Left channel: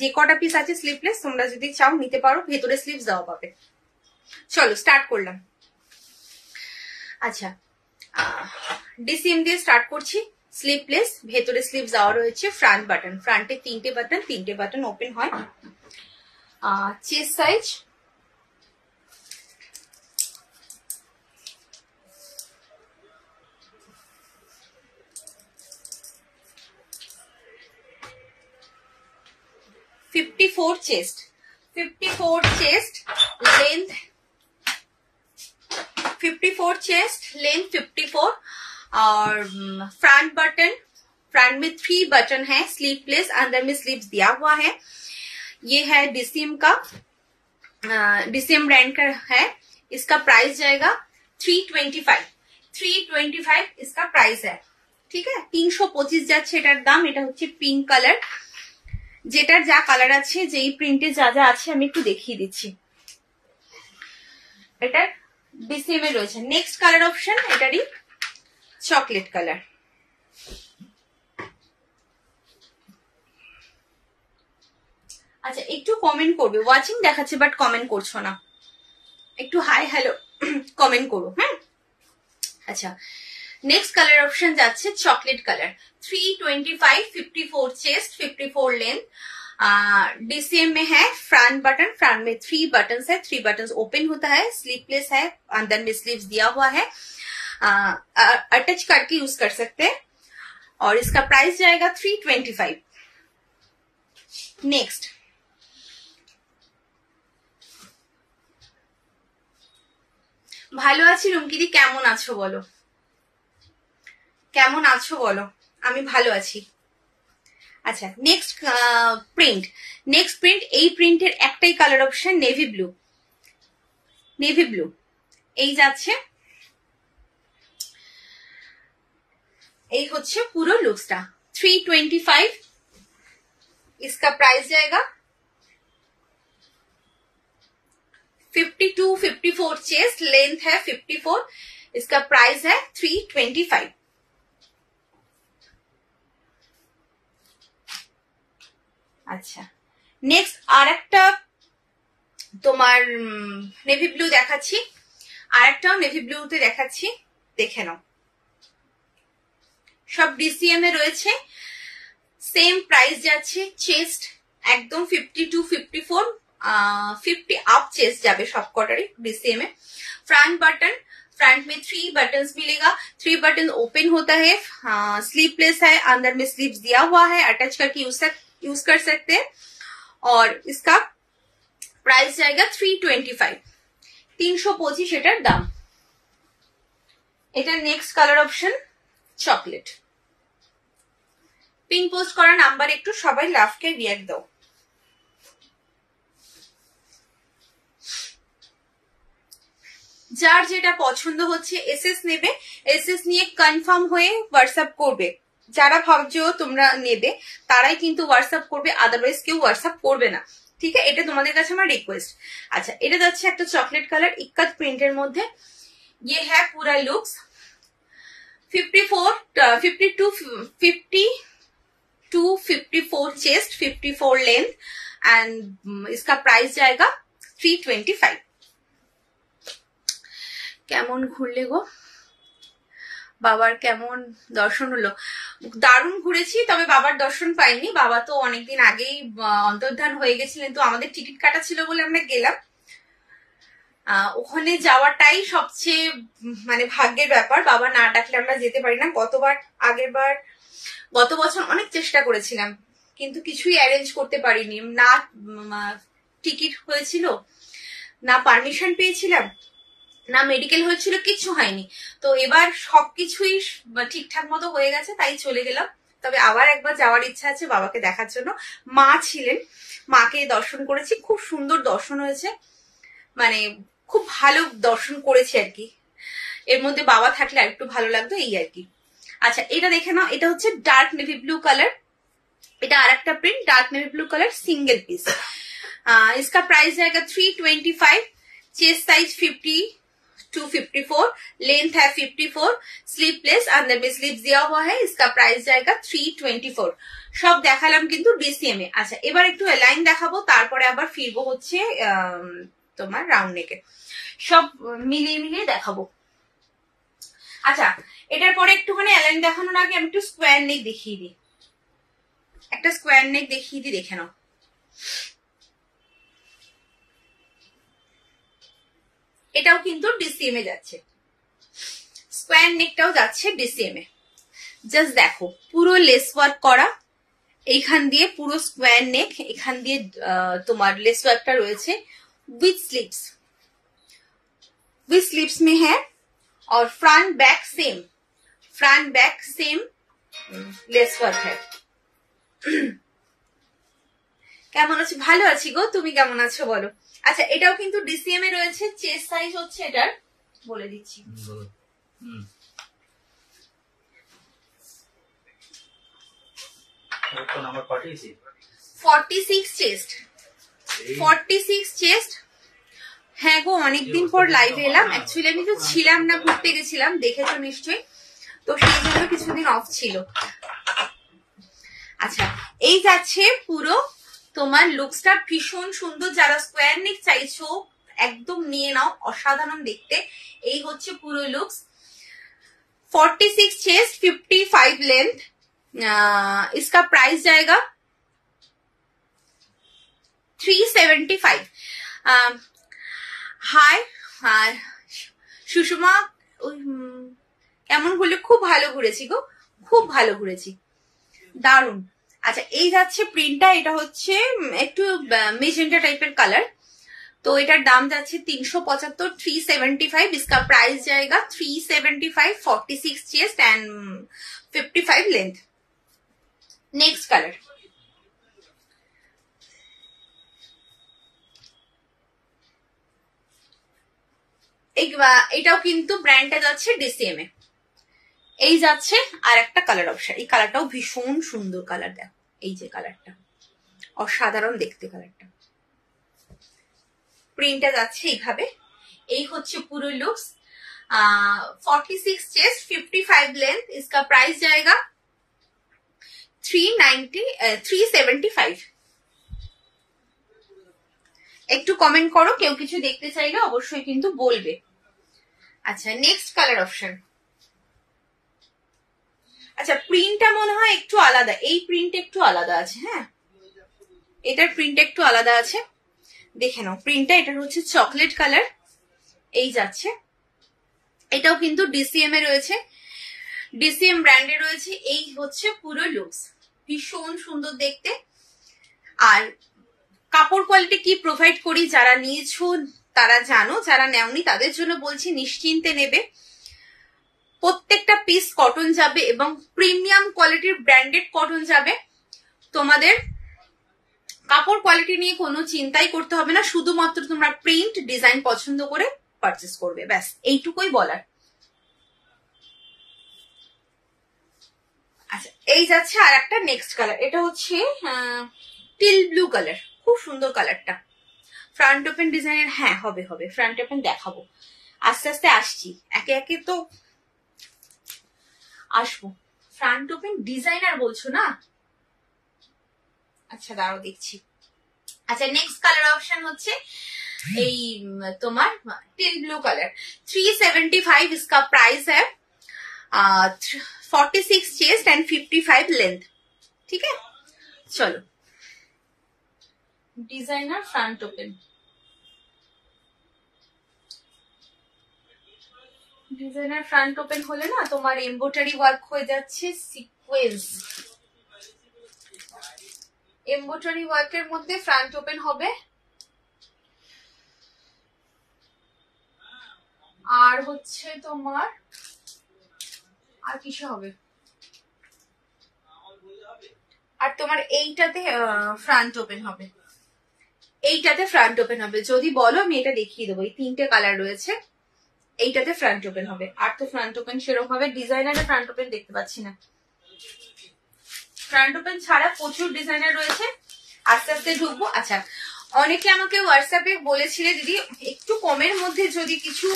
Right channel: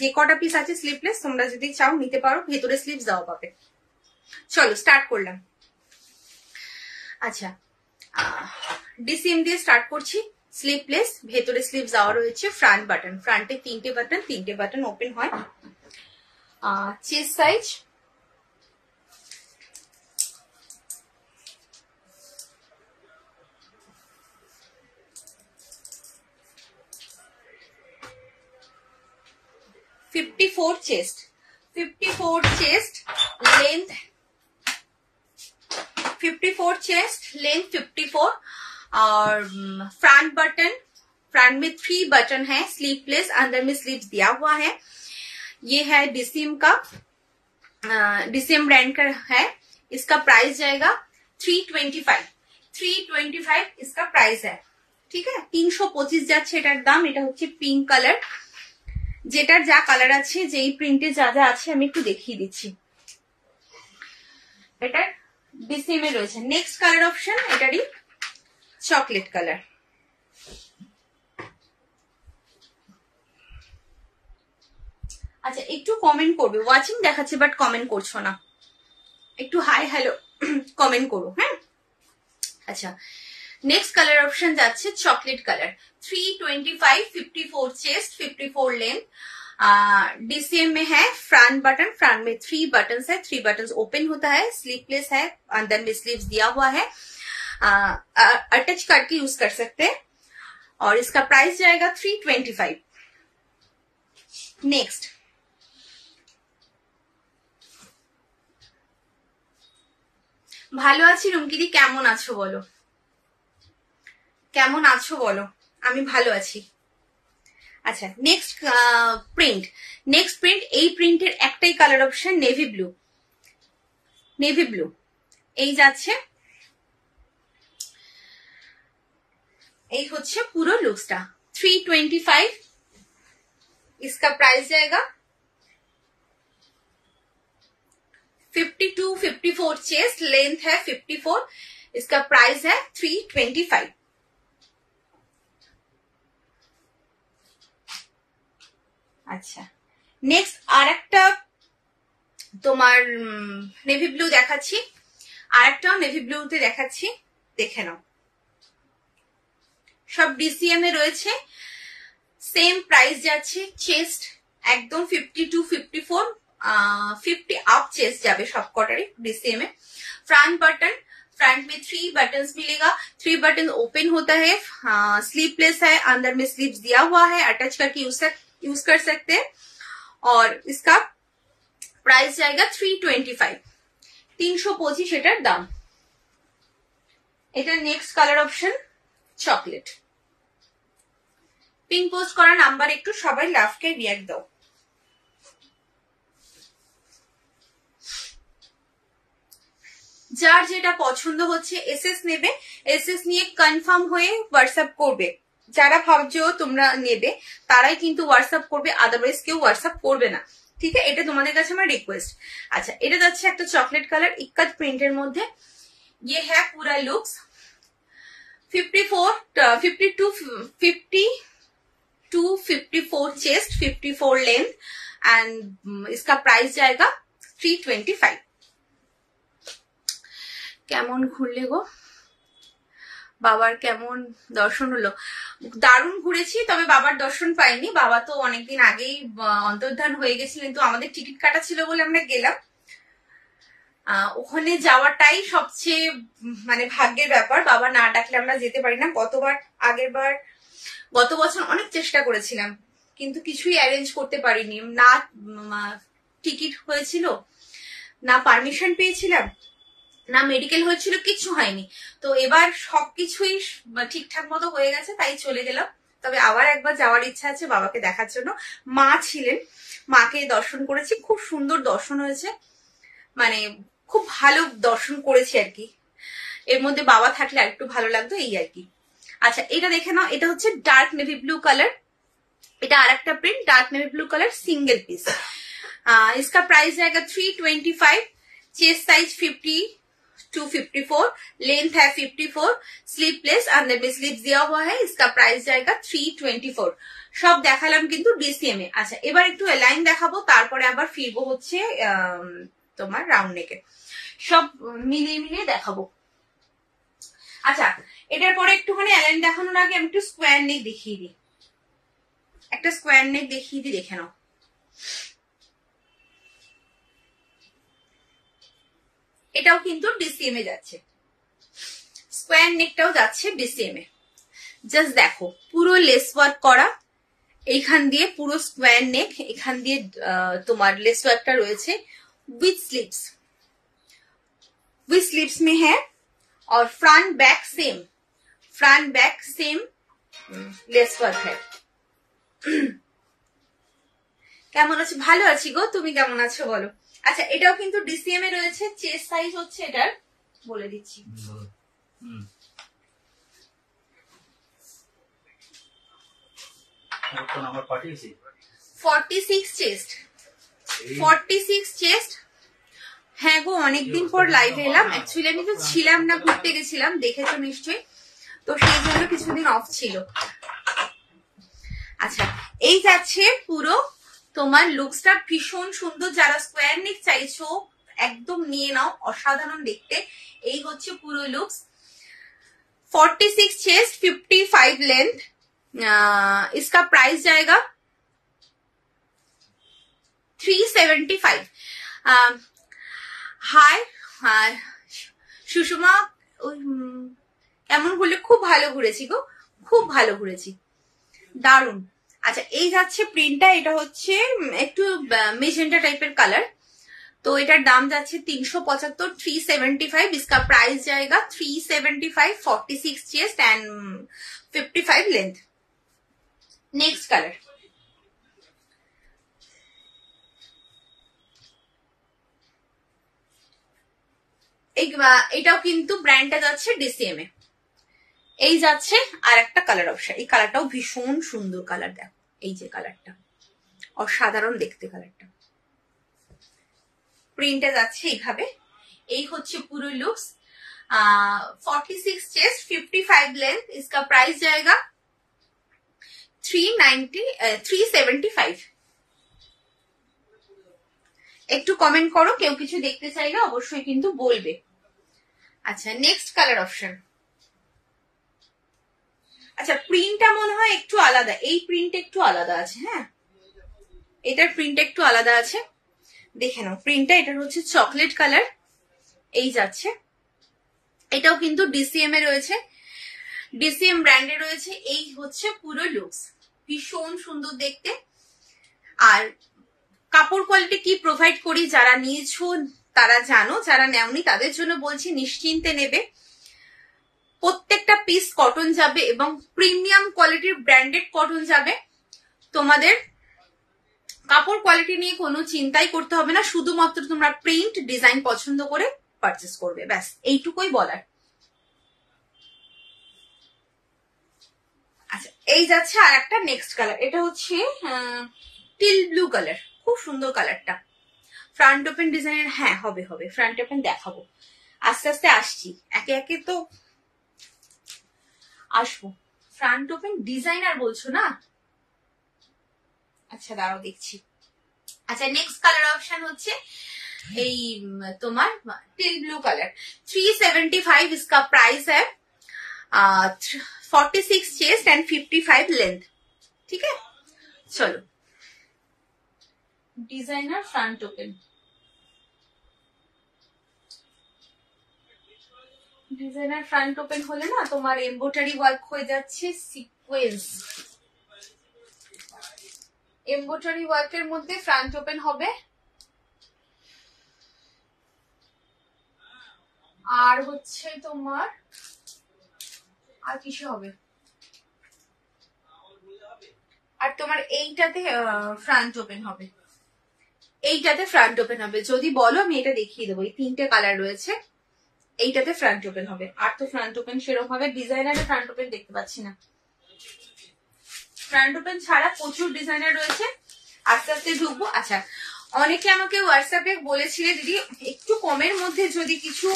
যে কটা পিস আছে স্লিভলেস তোমরা যদি চাও নিতে পারো, ভেতরে স্লিভস দেওয়া পাবে। চলো স্টার্ট করলাম। আচ্ছা, ডিসিএম দিয়ে স্টার্ট করছি। স্লিভলেস, ভেতরে স্লিভস দেওয়া রয়েছে, ফ্রন্ট বাটন, ফ্রন্টে 3টে বাটন ওপেন হয়। Chest size 54 chest, 54 chest, length 54 chest, length 54 और फ्रंट बटन, फ्रंट में 3 बटन है, स्लीवलेस, अंदर में स्लीव्स दिया हुआ है। ये है डिसिम का, डिसिम ब्रांड का है। इसका प्राइस जाएगा 325, 325 इसका प्राइस है। ठीक है, 325 যাচ্ছে এটার দাম। এটা হচ্ছে পিঙ্ক কালার, যেটার যা কালার আছে, যেই প্রিন্টে যা যা আছে আমি একটু দেখিয়ে দিচ্ছি। এটা ডিসিএম এ রয়েছে। নেক্সট কালার অপশন এটারই চকলেট কালার। আচ্ছা, একটু কমেন্ট করবে, ওয়াচিং দেখাচ্ছে বাট কমেন্ট করছো না, একটু হাই হ্যালো কমেন্ট করো। হ্যাঁ, আচ্ছা, नेक्स्ट कलर ऑप्शन जाच्छे chocolate colour. 325, 54 chest, 54 length. DCM में है। फ्रंट बटन, फ्रंट में 3 बटन है, 3 बटन ओपन होता है, स्लीवलेस है, अंदर में स्लीव्स दिया हुआ है, अटैच करके यूज कर सकते हैं। और इसका प्राइस जाएगा 325। नेक्स्ट, ভালো আছি রুমকিদি, কেমন আছো বলো, কেমন আছো বলো? আমি ভালো আছি। আচ্ছা, নেক্সট প্রিন্ট, নেক্সট প্রিন্ট, এই প্রিন্টের একটাই colour option navy blue, navy blue এই যাচ্ছে। এই হচ্ছে পুরো লুকসটা। 325 इसका प्राइस जाएगा। 52, 54 चेस्ट, लेंथ है 54, इसका प्राइस है 325। আচ্ছা, নেক্সট আরেকটা তোমার নেভি ব্লু দেখাচ্ছি, আরেকটাও নেভি ব্লুতে দেখাচ্ছি, দেখে নাও। সব ডিসিএম এ রয়েছে, সেম প্রাইস যাচ্ছে। চেস্ট একদম 52, 54, 50 अप चेस्ट जाबे सब कटारी डीसीएम में। फ्रंट बटन, फ्रंट में 3 बटन मिलेगा, 3 बटन ओपन होता है, स्लीवलेस है, अंदर में स्लीव्स दिया हुआ है, अटैच करके यूज कर सकते हैं। और इसका प्राइस जाएगा 325, 325 এটার দাম। এটা next colour option chocolate. Pin post করা নাম্বার একটু সবাই লাভকে রিয়াক্ট দাও। যার যেটা পছন্দ হচ্ছে এসএস নেবে, এসএস নিয়ে কনফার্ম হয়ে হোয়াটসঅ্যাপ করবে। যারা ভাবছো তোমরা নেবে তারাই কিন্তু হোয়াটসঅ্যাপ করবে, আদারওয়াইজ কেউ হোয়াটসঅ্যাপ করবে না। ঠিক আছে, এটা তোমাদের কাছে আমার রিকোয়েস্ট। আচ্ছা, এটা যাচ্ছে একটা চকলেট কালার ইক্কাত প্রিন্টের মধ্যে। ये है पूरा लुक्स। 54, 54 चेस्ट, 54 लेंथ एंड इसका प्राइस जाएगा 325। কেমন ঘুরলে গো বাবার, কেমন দর্শন হলো? দারুণ ঘুরেছি, তবে বাবার দর্শন পাইনি। বাবা তো অনেকদিন আগেই অন্তর্ধান হয়ে গেছিলেন, তো আমাদের টিকিট কাটা ছিল বলে আমরা গেলাম। ওখানে যাওয়াটাই সবচেয়ে মানে ভাগ্যের ব্যাপার, বাবা না ডাকলে আমরা যেতে পারি না। গত বছর অনেক চেষ্টা করেছিলাম কিন্তু কিছুই অ্যারেঞ্জ করতে পারিনি, না টিকিট হয়েছিল, না পারমিশন পেয়েছিলাম, না মেডিকেল হয়েছিল, কিচ্ছু হয়নি। তো এবার সবকিছুই ঠিকঠাক মতো হয়ে গেছে, তাই চলে গেলাম। তবে আবার একবার যাওয়ার ইচ্ছা আছে বাবাকে দেখার জন্য। মা ছিলেন, মাকে দর্শন করেছি, খুব সুন্দর দর্শন হয়েছে, মানে খুব ভালো দর্শন করেছি আর কি। এর মধ্যে বাবা থাকলে আরেকটু ভালো লাগতো, এই আর কি। আচ্ছা, এটা দেখে নাও, এটা হচ্ছে ডার্ক নেভি ব্লু কালার। এটা আর একটা print, dark navy blue colour, single piece. इसका प्राइस जाएगा 325। चेस्ट साइज 50, 254, लेंथ है 54, स्लीपलेस, अंदर में स्लीव्स दिया हुआ है, इसका प्राइस जाएगा 324। সব দেখালাম কিন্তু ডিসিএম এ। আচ্ছা এবার একটু এলাইন দেখাবো, তারপরে আবার ফিরবো হচ্ছে তোমার রাউন্ড নেকে, সব মিলিয়ে মিলিয়ে দেখাবো। আচ্ছা এটার পরে একটুখানি এলাইন দেখানোর আগে আমি একটু স্কোয়ার নেক দেখিয়ে দিই, একটা স্কোয়ার নেক দেখিয়ে দিই, দেখে নাও। এটাও কিন্তু ডিসিএম এ যাচ্ছে, স্কোয়ার নেকটাও যাচ্ছে ডিসিএম এ। জাস্ট দেখো পুরো লেস ওয়ার্ক করা, এইখান দিয়ে পুরো স্কোয়ার নেক, এখান দিয়ে তোমার লেস ওয়ার্কটা রয়েছে विथ स्लीव्स में है, और front back same lace work है। কেমন আছো? ভালো আছি গো, তুমি কেমন আছো বলো? আচ্ছা এটাও কিন্তু ডিসিএম এ রয়েছে, চেস্ট সাইজ হচ্ছে এটার বলে দিচ্ছি, 46 চেস্ট, 46 চেস্ট। হ্যাঁ গো অনেকদিন পর লাইভে এলাম, অ্যাকচুয়ালি আমি তো ছিলাম না, ঘুরতে গেছিলাম, দেখেছো নিশ্চয়ই, তো সেই জন্য কিছুদিন অফ ছিল। আচ্ছা এই যাচ্ছে পুরো তোমার লুকসটা, ভীষণ সুন্দর, যারা স্কোয়ার নেক চাইছো একদম নিয়ে নাও, অসাধারণ দেখতে। এই হচ্ছে পুরো লুকস, 46 चेस्ट 55 लेंथ, इसका प्राइस जाएगा 375। হাই হাই সুষমা, কেমন ঘুরলে? খুব ভালো ঘুরেছি গো, খুব ভালো ঘুরেছি, দারুন। আচ্ছা এই যাচ্ছে প্রিন্টটা, এটা হচ্ছে একটু মেজেন্টা টাইপের কালার, तो এটার দাম যাচ্ছে 375, 375, इसका प्राइस जाएगा 375, 46 chest and 55 length. Next colour, এটাও কিন্তু ব্র্যান্ডটা যাচ্ছে ডিসিএম এ। এই যাচ্ছে আর একটা কালার অপশন, এই কালারটাও ভীষণ সুন্দর কালার, দেখো এই যে কালারটা অসাধারণ দেখতে, কালারটা প্রিন্টটা যাচ্ছে এইভাবে। এই হচ্ছে পুরো লুকস, 46 चेस्ट 55 लेंथ, इसका प्राइस जाएगा 375। একটু কমেন্ট করো, কেউ কিছু দেখতে চাইলে অবশ্যই কিন্তু বলবে। আচ্ছা নেক্সট কালার অপশন, আচ্ছা প্রিন্টটা মনে হয় একটু আলাদা, এই প্রিন্ট একটু আলাদা আছে, হ্যাঁ এটার প্রিন্ট একটু আলাদা আছে, দেখে নাও প্রিন্টটা। এটা হচ্ছে চকলেট কালার, এই যাচ্ছে, এটাও কিন্তু ডিসিএম এ রয়েছে, ডিসিএম ব্র্যান্ডে রয়েছে। এই হচ্ছে পুরো লুকস, ভীষণ সুন্দর দেখতে। আর কাপড় কোয়ালিটি কি প্রোভাইড করি, যারা নিয়েছো তারা জানো, যারা নেওনি তাদের জন্য বলছি নিশ্চিন্তে নেবে। প্রত্যেকটা পিস কটন যাবে এবং প্রিমিয়াম কোয়ালিটির ব্র্যান্ডেড কটন যাবে, তোমাদের কাপড় কোয়ালিটি নিয়ে কোনো চিন্তাই করতে হবে না, শুধুমাত্র তোমরা প্রিন্ট ডিজাইন পছন্দ করে পারচেস করবে, ব্যাস এইটুকুই বলার। আচ্ছা এই যাচ্ছে আর একটা নেক্সট কালার, এটা হচ্ছে টিল ব্লু কালার, খুব সুন্দর কালারটা। ফ্রন্ট ওপেন ডিজাইনের, হ্যাঁ হবে হবে, ফ্রন্ট ওপেন দেখাবো, আস্তে আস্তে আসছি, একে একে তো আসবো। ফ্রন্ট ওপেন ডিজাইনার বলছো না? আচ্ছা দাঁড়াও দেখছি। আচ্ছা নেক্সট কালার অপশন হচ্ছে এই তোমার টিল ব্লু কালার, 375, इसका प्राइस है 46 चेस्ट एंड 55 लेंथ। ठीक है चलो, designer front open, designer front open হলে না তোমার এমব্রয়ডারি ওয়ার্ক হয়ে যাচ্ছে সিকোয়েন্স, এমব্রয়ডারি ওয়ার্কের মধ্যে ফ্রন্ট ওপেন হবে। আর হচ্ছে তোমার আর কিসে হবে, আর তোমার এইটাতে ফ্রন্ট ওপেন হবে, এইটাতে ফ্রন্ট ওপেন হবে। যদি বলো আমি এটা দেখিয়ে দেবো, এই তিনটে কালার রয়েছে, এইটাতে ফ্রন্ট ওপেন হবে। আর তো ফ্রন্ট ওপেন সেরকম ভাবে ডিজাইনারে ফ্রন্ট ওপেন দেখতে পাচ্ছি না, ফ্রন্ট ওপেন ছাড়া প্রচুর ডিজাইনার রয়েছে, আস্তে আস্তে ঢুকবো। আচ্ছা অনেকে আমাকে হোয়াটসঅ্যাপে বলেছিলে দিদি একটু কমের মধ্যে যদি কিছু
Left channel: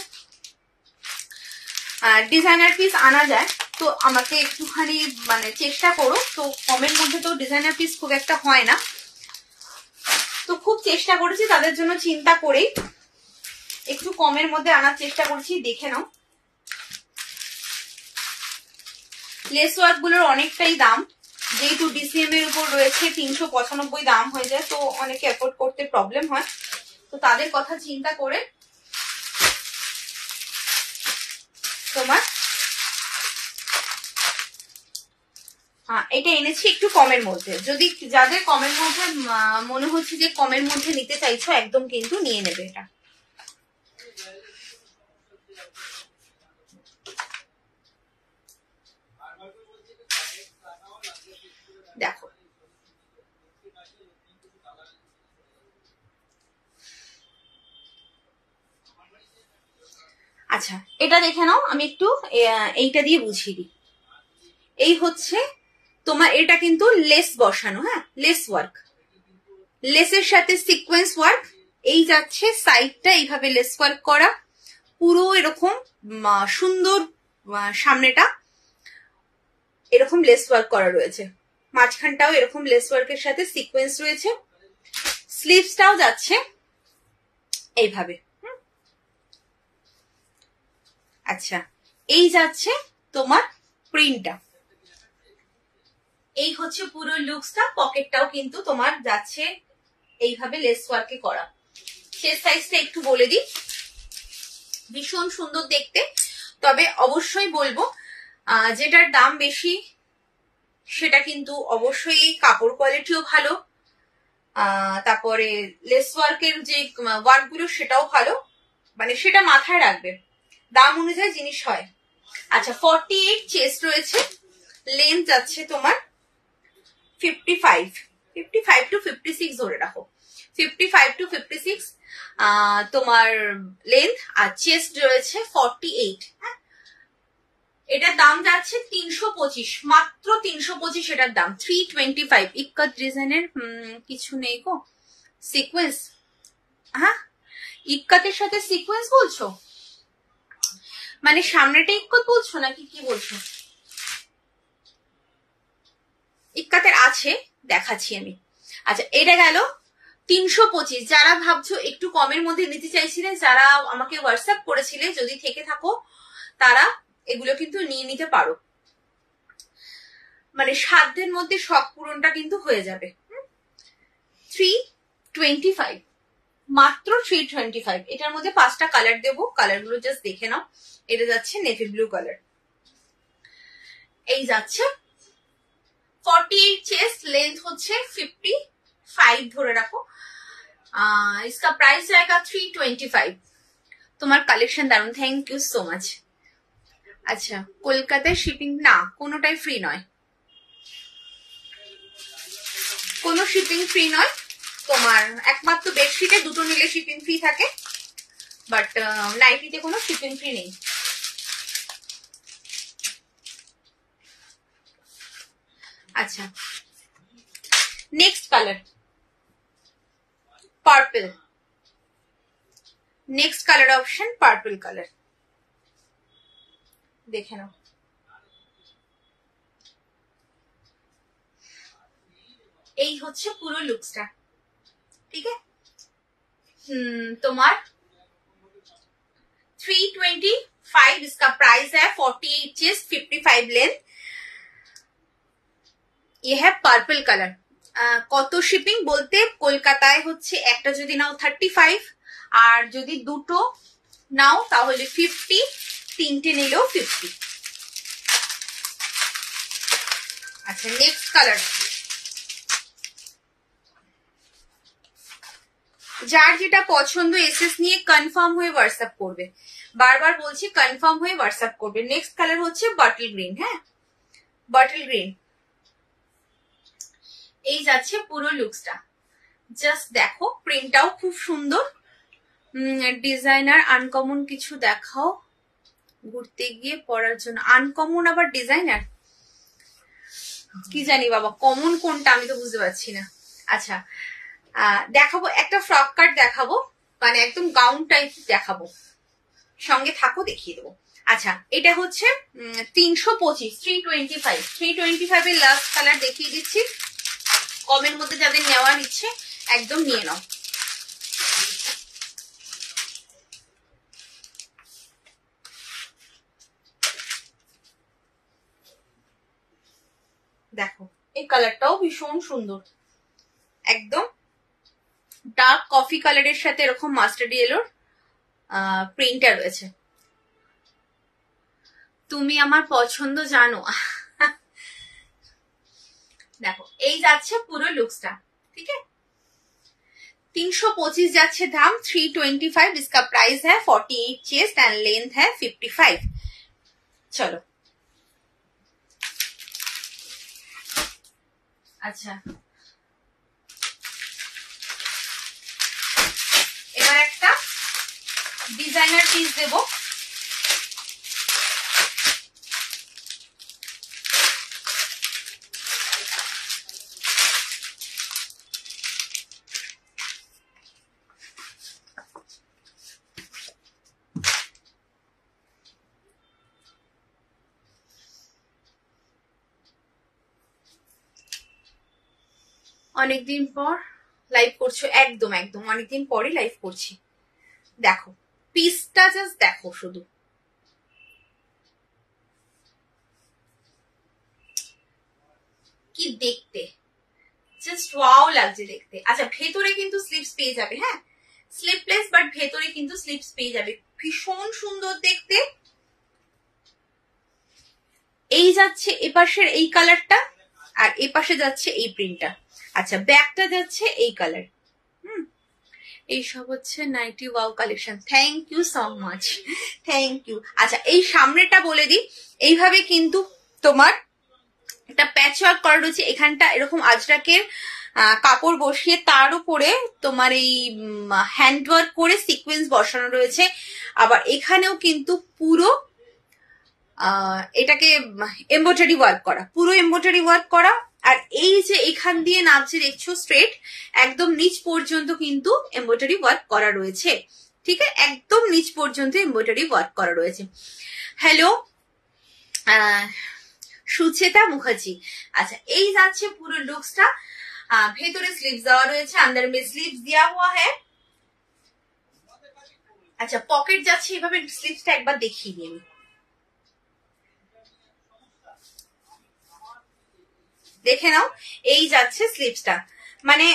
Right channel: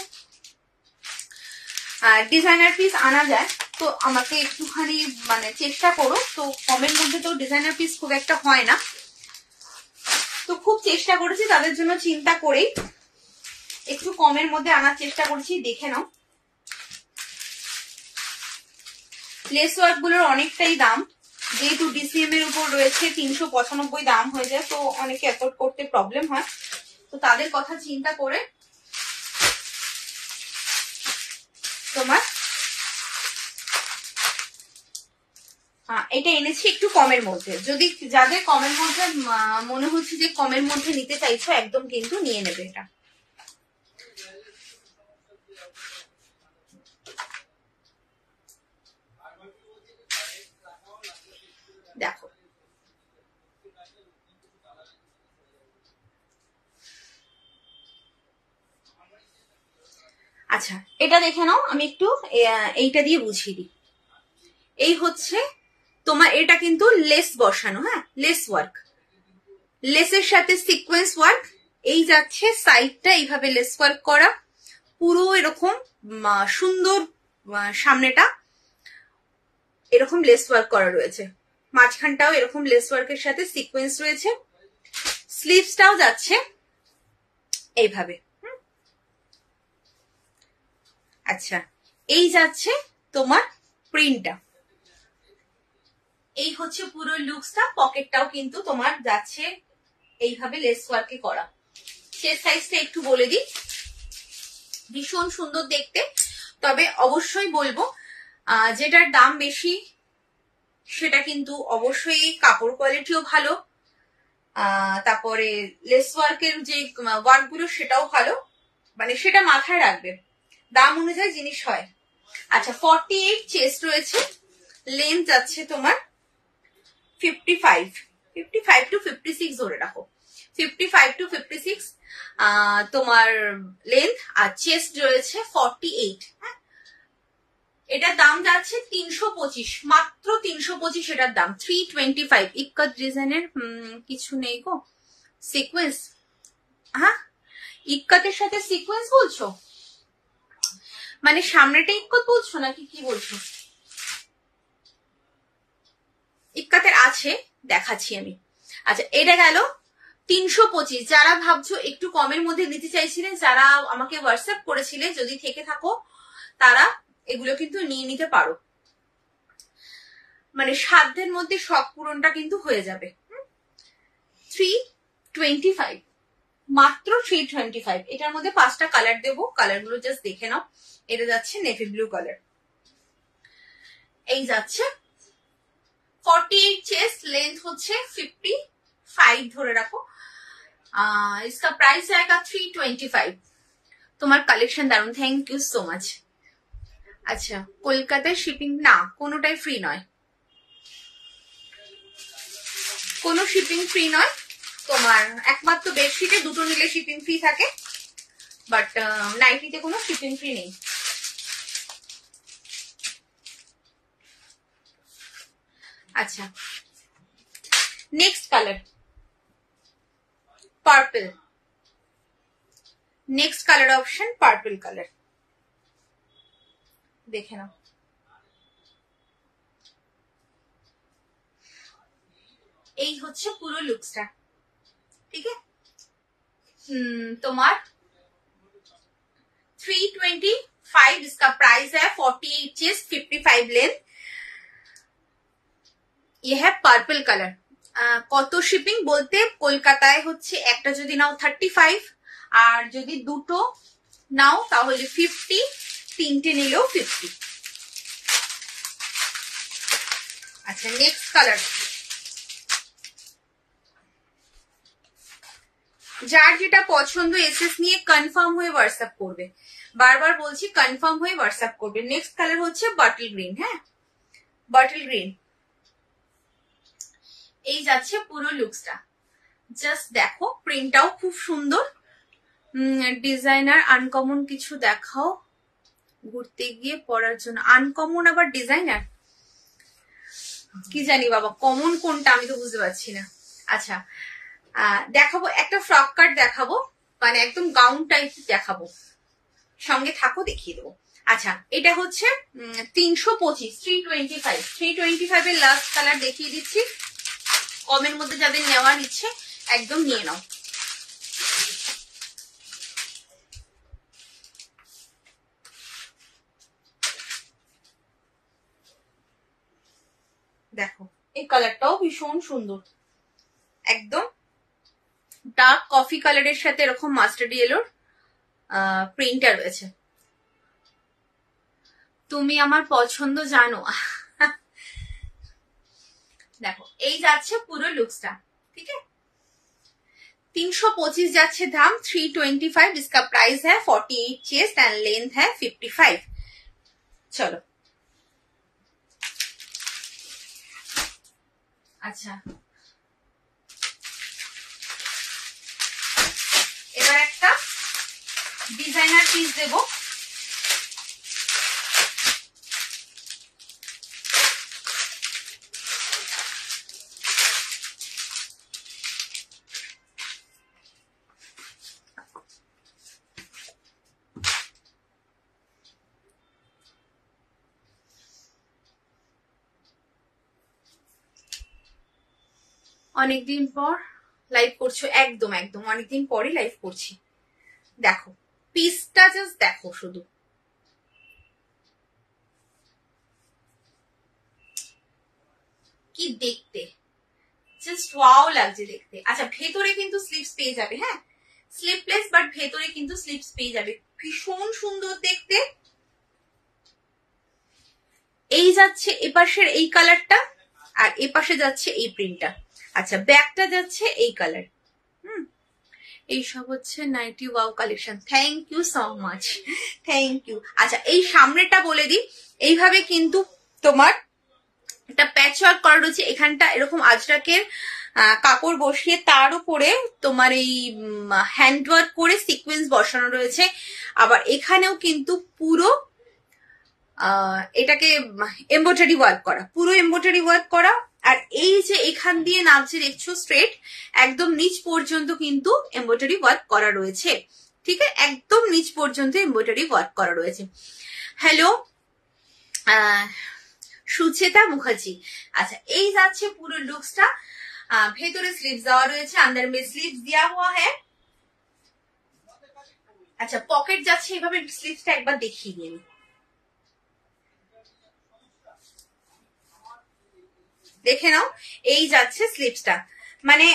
ডিজাইনার পিস আনা যায়, তো আমাকে একটুখানি মানে চেষ্টা করো। তো কমের মধ্যে তো ডিজাইনার পিস খুব একটা হয় না, তো খুব চেষ্টা করেছি তাদের জন্য চিন্তা করেই একটু কমের মধ্যে আনার চেষ্টা করছি। দেখে নাও, লেস ওয়ার্ক গুলোর অনেকটাই দাম, যেহেতু ডিসিএম এর উপর রয়েছে 395 দাম হয়ে যায়, তো অনেকে এফোর্ড করতে প্রবলেম হয়, তো তাদের কথা চিন্তা করে তোমার এটা এনেছি একটু কমের মধ্যে। যদি যাদের কমের মধ্যে মনে হচ্ছে যে কমের মধ্যে নিতে চাইছো, একদম কিন্তু নিয়ে নেবে এটা। দেখো আচ্ছা, এটা দেখে নাও, আমি একটু এইটা দিয়ে বুঝিয়ে দিই। এই হচ্ছে তোমার, এটা কিন্তু লেস বসানো, হ্যাঁ লেস ওয়ার্ক, লেসের সাথে সিকোয়েন্স ওয়ার্ক। এই যাচ্ছে সাইডটা এইভাবে লেস ওয়ার্ক করা, পুরো এরকম সুন্দর, সামনেটা এরকম লেস ওয়ার্ক করা রয়েছে, মাঝখানটাও এরকম লেস ওয়ার্কের সাথে সিকোয়েন্স রয়েছে, স্লিভসটাও যাচ্ছে এইভাবে। আচ্ছা, এই যাচ্ছে তোমার প্রিন্টটা, এই হচ্ছে পুরো লুকসটা। পকেটটাও কিন্তু তোমার যাচ্ছে এইভাবে লেস ওয়ার্কে করা। চেস্ট সাইজটা একটু বলে দিই, ভীষণ সুন্দর দেখতে। তবে অবশ্যই বলবো, যেটার দাম বেশি সেটা কিন্তু অবশ্যই কাপড় কোয়ালিটিও ভালো, তারপরে লেস ওয়ার্কের যে ওয়ার্ক গুলো সেটাও ভালো, মানে সেটা মাথায় রাখবে, দাম অনুযায়ী জিনিস হয়। আচ্ছা, 48 চেস্ট রয়েছে, লেন্থ যাচ্ছে তোমার 55 টু 56 ধরে রাখো, 55 টু 56 তোমার লেন্থ, আর চেস্ট রয়েছে 48। হ্যাঁ, এটার দাম যাচ্ছে 325, মাত্র 325 এটার দাম। 325 ইক্কাত ডিজাইনের কিছু নেই গো, সিকোয়েন্স। হ্যাঁ, ইক্কাতের সাথে সিকোয়েন্স বলছো, মানে সামনেটা ইক্কত বলছো নাকি কি বলছো? ইক্কাতের আছে, দেখাচ্ছি আমি। আচ্ছা, এটা গেল 325। যারা ভাবছো একটু কমের মধ্যে নিতে চাইছিলে, যারা আমাকে হোয়াটসঅ্যাপ করেছিলে, যদি থেকে থাকো তারা এগুলো কিন্তু নিয়ে নিতে পারো, মানে সাধ্যের মধ্যে শখ পূরণটা কিন্তু হয়ে যাবে। 325, মাত্র 325। এটার মধ্যে 5টা কালার দেবো, কালারগুলো জাস্ট দেখে নাও। এটা যাচ্ছে নেভি ব্লু কালার, এই যাচ্ছে 48 চেস্ট, লেন্থ হচ্ছে 55 ধরে রাখো। इसका प्राइस जाएगा 325। তোমার কালেকশন দারুন, থ্যাংক ইউ সো মাচ। আচ্ছা, কলকাতায় শিপিং না, কোনোটাই ফ্রি নয়, কোনো শিপিং ফ্রি নয়। তোমার একমাত্র বেডশিটে দুটো নিলে শিপিং ফ্রি থাকে, বাট নাইটিতে কোনো শিপিং ফ্রি নেই। আচ্ছা, next colour purple, next colour option purple colour, দেখে নাও। এই হচ্ছে পুরো লুকসটা, ঠিক আছে। তোমার 325, इसका प्राइस है 48 चेस्ट 55 लेंथ। ये है पर्पल कलर। কত শিপিং বলতে, কলকাতায় হচ্ছে একটা যদি নাও 35, আর যদি দুটো নাও তাহলে 50, তিনটে নিলেও 50। আচ্ছা, নেক্সট কালার, যার যেটা পছন্দ এসএস নিয়ে কনফার্ম হয়ে হোয়াটসঅ্যাপ করবে, বারবার বলছি কনফার্ম হয়ে হোয়াটসঅ্যাপ করবে। নেক্সট কালার হচ্ছে বটল গ্রিন। হ্যাঁ, বটল গ্রিন, এই যাচ্ছে পুরো লুকসটা, জাস্ট দেখো, প্রিন্টটাও খুব সুন্দর। ডিজাইনার আনকমন কিছু দেখাও ঘুরতে গিয়ে পরার জন্য। আনকমন আবার ডিজাইনার, কি জানি বাবা, কমন কোনটা আমি তো বুঝতে পারছি না। আচ্ছা, দেখাবো একটা ফ্রক কাট দেখাবো, মানে একদম গাউন টাইপ দেখাবো, সঙ্গে থাকো দেখিয়ে দেবো। আচ্ছা এটা হচ্ছে 325, 325, 325 এর লাস্ট কালার দেখিয়ে দিচ্ছি। কমের মধ্যে যাদের নেওয়ার ইচ্ছে একদম নিয়ে নাও। দেখো এই কালারটাও ভীষণ সুন্দর, একদম ডার্ক কফি কালারের সাথে এরকম মাস্টার্ড ইয়েলোর প্রিন্টটা রয়েছে। তুমি আমার পছন্দ জানো। দেখো এই যাচ্ছে পুরো লুকসটা, ঠিক আছে। 325 যাচ্ছে দাম, 325 इसका प्राइस है, 48 चेस्ट एंड लेंथ है 55। चलो আচ্ছা এবার একটা ডিজাইনার পিস দেবো। অনেকদিন পর লাইভ করছো, একদম একদম অনেকদিন পরই লাইভ করছি। দেখো পিসটা জাস্ট দেখো, শুধু কি দেখতে, জাস্ট ওয়াও লাগছে দেখতে। আচ্ছা ভেতরে কিন্তু স্লিপস পেয়ে যাবে, হ্যাঁ স্লিপলেস, বাট ভেতরে কিন্তু স্লিপস পেয়ে যাবে, ভীষণ সুন্দর দেখতে। এই যাচ্ছে এপাশের এই কালারটা, আর এপাশে যাচ্ছে এই প্রিন্টটা। আচ্ছা ব্যাকটা যাচ্ছে এই কালার। এইসব হচ্ছে nighty wow collection. Thank you so much, thank you. আচ্ছা এই সামনেটা বলে দিই, এইভাবে কিন্তু তোমার একটা প্যাচ ওয়ার্ক করা রয়েছে, এখানটা এরকম আজরাকের কাপড় বসিয়ে তার উপরে তোমার এই হ্যান্ড ওয়ার্ক করে সিকোয়েন্স বসানো রয়েছে। আবার এখানেও কিন্তু পুরো এটাকে এমব্রয়ডারি ওয়ার্ক করা, পুরো এমব্রয়ডারি ওয়ার্ক করা। আর এই যে এখান দিয়ে নাচে দেখছো স্ট্রেট একদম নিচ পর্যন্ত কিন্তু এমব্রয়ডারি ওয়ার্ক করা রয়েছে, ঠিক আছে, একদম নিচ পর্যন্ত এমব্রয়ডারি ওয়ার্ক করা রয়েছে। হ্যালো সুচেতা মুখার্জি। আচ্ছা এই যাচ্ছে পুরো লুকসটা, ভেতরে স্লিভস দেওয়া রয়েছে, আন্দার মে স্লিভস দেওয়া হুয়া হ্যাঁ। আচ্ছা পকেট যাচ্ছে এভাবে, স্লিভসটা একবার দেখিয়ে দিন, দেখে নাও। এই যাচ্ছে স্লিভসটা, মানে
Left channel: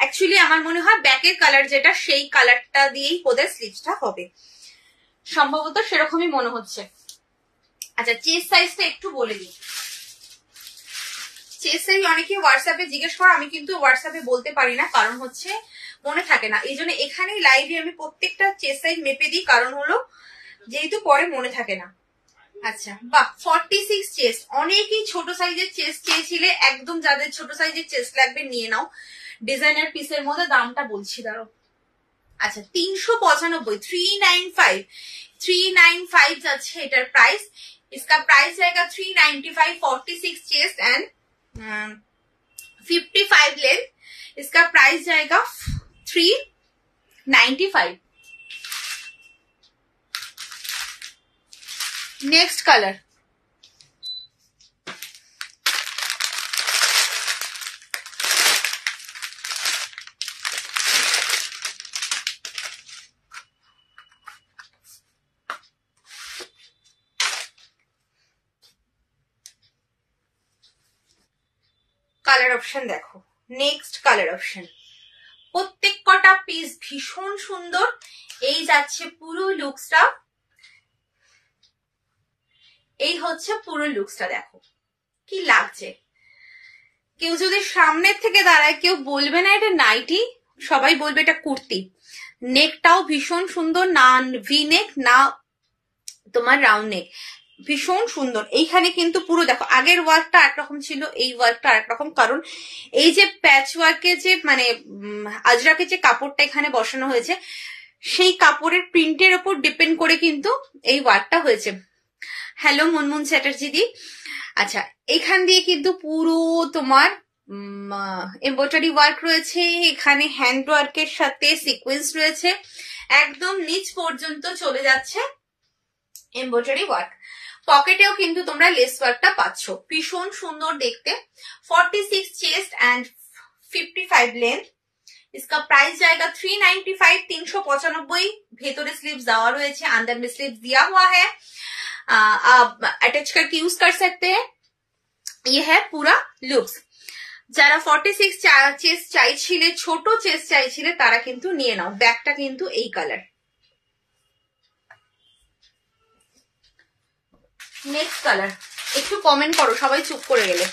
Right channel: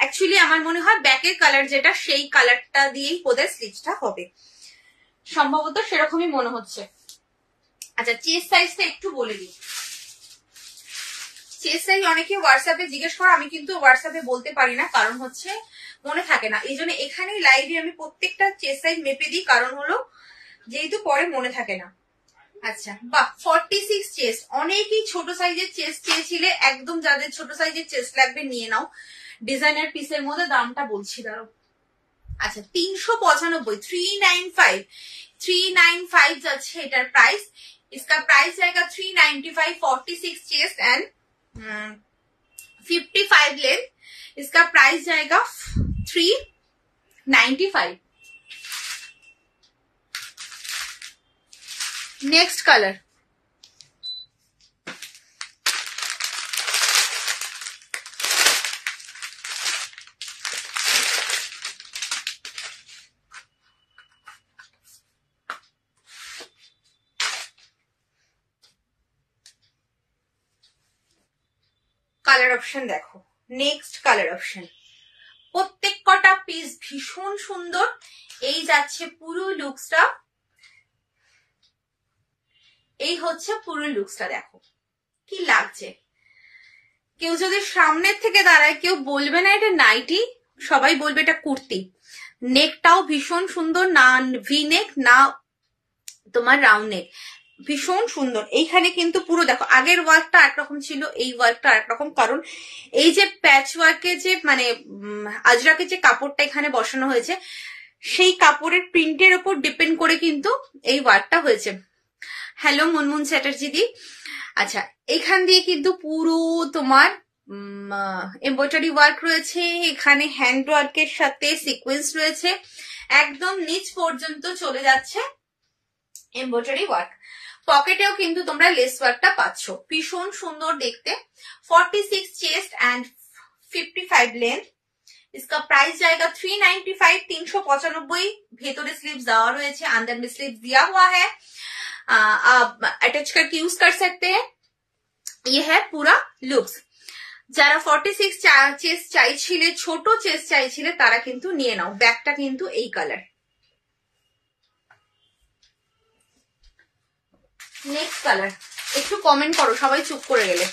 অ্যাকচুয়ালি আমার মনে হয় ব্যাকের কালার যেটা সেই কালারটা দিয়েই ওদের স্লিভসটা হবে, সম্ভবত সেরকমই মনে হচ্ছে। আচ্ছা চেস্ট সাইজটা একটু বলে দিই। চেস্ট সাইজ অনেকে হোয়াটসঅ্যাপে জিজ্ঞেস করো, আমি কিন্তু হোয়াটসঅ্যাপে বলতে পারি না, কারণ হচ্ছে মনে থাকে না, এই জন্য এখানেই লাইভে আমি প্রত্যেকটা চেস্ট সাইজ মেপে দিই, কারণ হলো যেহেতু পরে মনে থাকে না। আচ্ছা বাহ 46 চেস্ট, অনেকেই ছোট সাইজের চেস্ট চেয়েছিলে, একদম যাদের ছোট সাইজের চেস্ট লাগবে নিয়ে নাও। ডিজাইনার পিসের মধ্যে দামটা বলছি দাঁড়াও। আচ্ছা 395, 395, 395 যাচ্ছে এটার প্রাইস। इसका प्राइस रहेगा 395, 46 चेस्ट एंड 55 लेंथ। इसका प्राइस जाएगा 395। नेक्स्ट कलर কালার অপশন দেখো, নেক্সট কালার অপশন, প্রত্যেক কটা পিস ভীষণ সুন্দর। এই যাচ্ছে পুরো লুকসটা, এই হচ্ছে পুরো লুকসটা, দেখো কি লাগছে। কেউ যদি সামনের থেকে দাঁড়ায় কেউ বলবে না এটা নাইটি, সবাই বলবে এটা কুর্তি। নেকটাও ভীষণ সুন্দর, না ভি নেক না তোমার রাউন্ড নেক, ভীষণ সুন্দর। এইখানে কিন্তু পুরো দেখো আগের ওয়ার্কটা একরকম ছিল, এই ওয়ার্কটা একরকম, কারণ এই যে প্যাচ ওয়ার্কের যে মানে আজরাকের যে কাপড়টা এখানে বসানো হয়েছে সেই কাপড়ের প্রিন্টের উপর ডিপেন্ড করে কিন্তু এই ওয়ার্কটা হয়েছে। হ্যালো মুনমুন চ্যাটার্জি দি। আচ্ছা এখান দিয়ে কিন্তু পুরো তোমার এমব্রয়ডারি ওয়ার্ক রয়েছে, এখানে হ্যান্ড ওয়ার্কের সাথে সিকোয়েন্স রয়েছে, একদম নিচ পর্যন্ত চলে যাচ্ছে এমব্রয়ডারি ওয়ার্ক। পকেটেও কিন্তু তোমরা লেস ওয়ার্কটা পাচ্ছ, ভীষণ সুন্দর দেখতে। 46 চেস্ট एंड 55 लेंथ। इसका प्राइस जाएगा 395, 395। ভেতরে স্লিভস দেওয়া রয়েছে, अंदर में स्लीव्स दिया हुआ है, आप अटैच करके यूज कर सकते हैं। ये है पूरा लुक्स। যারা 46 চেস্ট চাইছিলে, ছোট চেস্ট চাইছিলে, তারা কিন্তু নিয়ে নাও। ব্যাগটা কিন্তু এই কালার। নেক্সট কালার, একটু কমেন্ট করো, সবাই চুপ করে গেলে।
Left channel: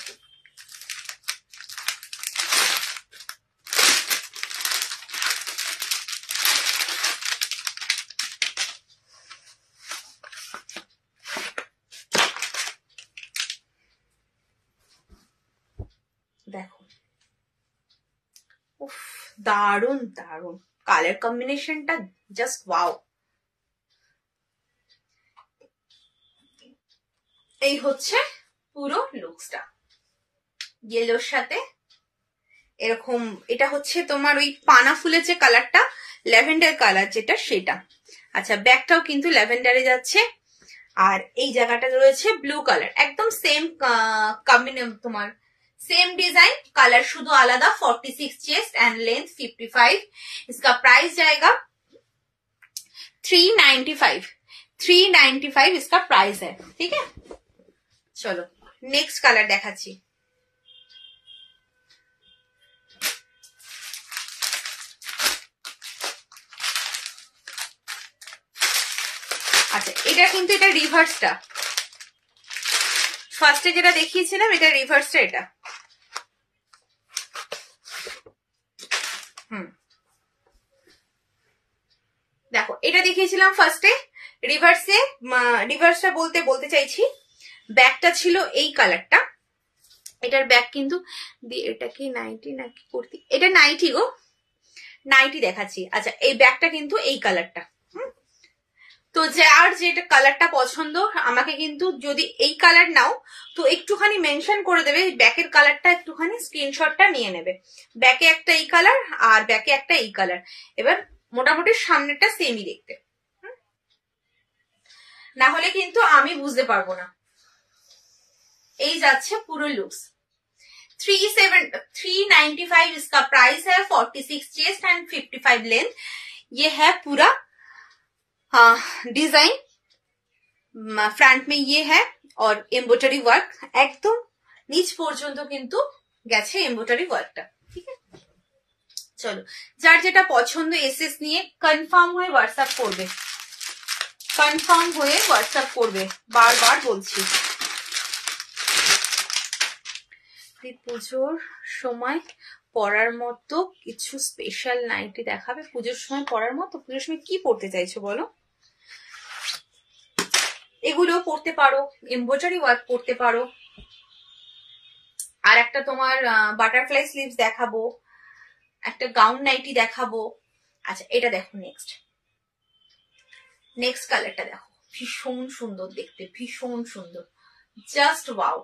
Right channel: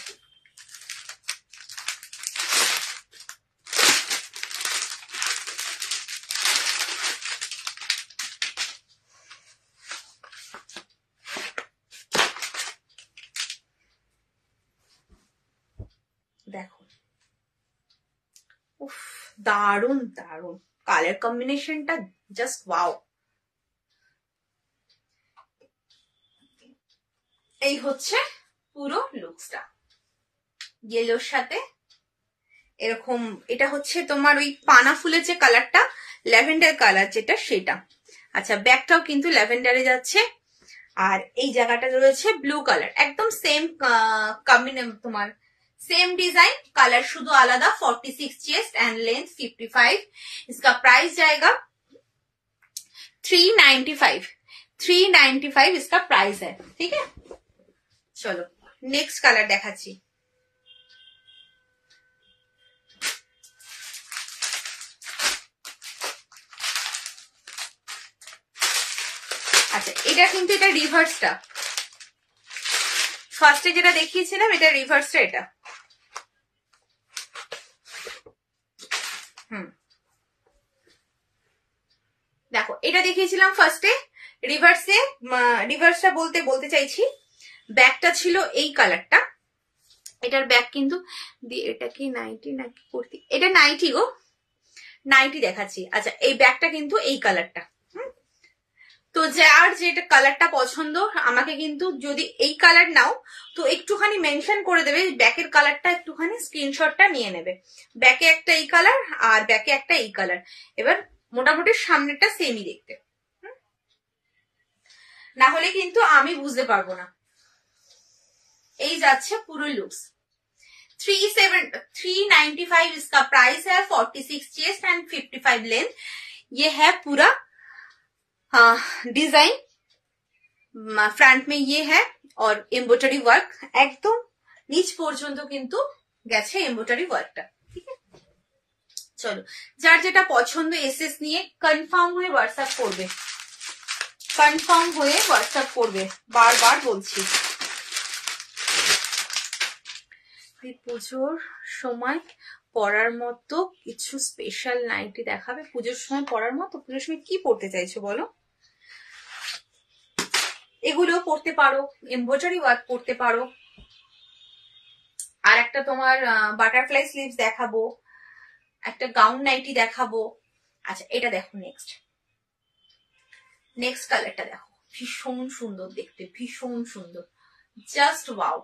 দেখো, উফ, দারুন দারুন কালার কম্বিনেশনটা, জাস্ট ওয়াও। এই হচ্ছে পুরো লুকসটা, ইয়েলোর সাথে এরকম। এটা হচ্ছে তোমার ওই পানা ফুলের যে কালারটা, ল্যাভেন্ডার কালার যেটা, সেটা। আচ্ছা, ব্যাকটাও কিন্তু ল্যাভেন্ডারে যাচ্ছে, আর এই জায়গাটা রয়েছে ব্লু কালার, একদম সেম তোমার सेम डिजाइन, कलर शुद्ध आलादा। 46 चेस्ट एंड लेंथ 55। इसका प्राइस जाएगा 395। 395 इसका प्राइस है, ठीक है। चलो नेक्स्ट कलर देखाচ্ছি। আচ্ছা, এটা কিন্তু এটা রিভার্সটা, ফার্স্টে যেটা দেখিয়েছিলাম এটা রিভার্সটা। এটা দেখো, এটা দেখিয়েছিলাম ফার্স্টে, রিভার্সটা বলতে চাইছি, ব্যাকটা ছিল এই কালারটা, এটার ব্যাক কিন্তু, এটা কি নাইটি নাকি কুর্তি? এটা নাইটি গো, নাইটি দেখাচ্ছি। আচ্ছা, এই ব্যাকটা কিন্তু এই কালারটা। তো যার যেটা কালারটা পছন্দ, আমাকে কিন্তু যদি এই কালার নাও তো একটুখানি মেনশন করে দেবে, ব্যাকের কালারটা একটুখানি স্ক্রিনশটটা নিয়ে নেবে। ব্যাকে একটা এই কালার আর ব্যাকে একটা এই কালার। এবার মোটামুটি সামনেটা সেমই দেখতে, না হলে কিন্তু আমি বুঝতে পারবো না। এই যাচ্ছে পুরো লুকস। 395 इसका प्राइस है। 46 चेस्ट एंड 55 लेंथ। ये है पूरा डिजाइन, फ्रंट में ये है और एम्ब्रॉयडरी वर्क एकदम नीच পর্যন্ত কিন্তু গেছে এমব্রয়ডারি ওয়ার্কটা, ঠিক আছে। চলো, যার যেটা পছন্দ এসএস নিয়ে কনফার্ম হয়ে হোয়াটসঅ্যাপ করবে, কনফার্ম হয়ে হোয়াটসঅ্যাপ করবে, বারবার বলছি। পুজোর সময় পরার মতো কিছু স্পেশাল নাইটি দেখাবে। পুজোর সময় পরার মতো, পুজোর সময় কি পড়তে চাইছো বলো? এগুলো পড়তে পারো, এমব্রয়ডারি ওয়ার্ক করতে পারো। আর একটা তোমার বাটারফ্লাই স্লিভস দেখাবো, একটা গাউন নাইটি দেখাবো। আচ্ছা, এটা দেখো, নেক্সট কালারটা দেখো, ভীষণ সুন্দর দেখতে, ভীষণ সুন্দর, জাস্ট ওয়াও।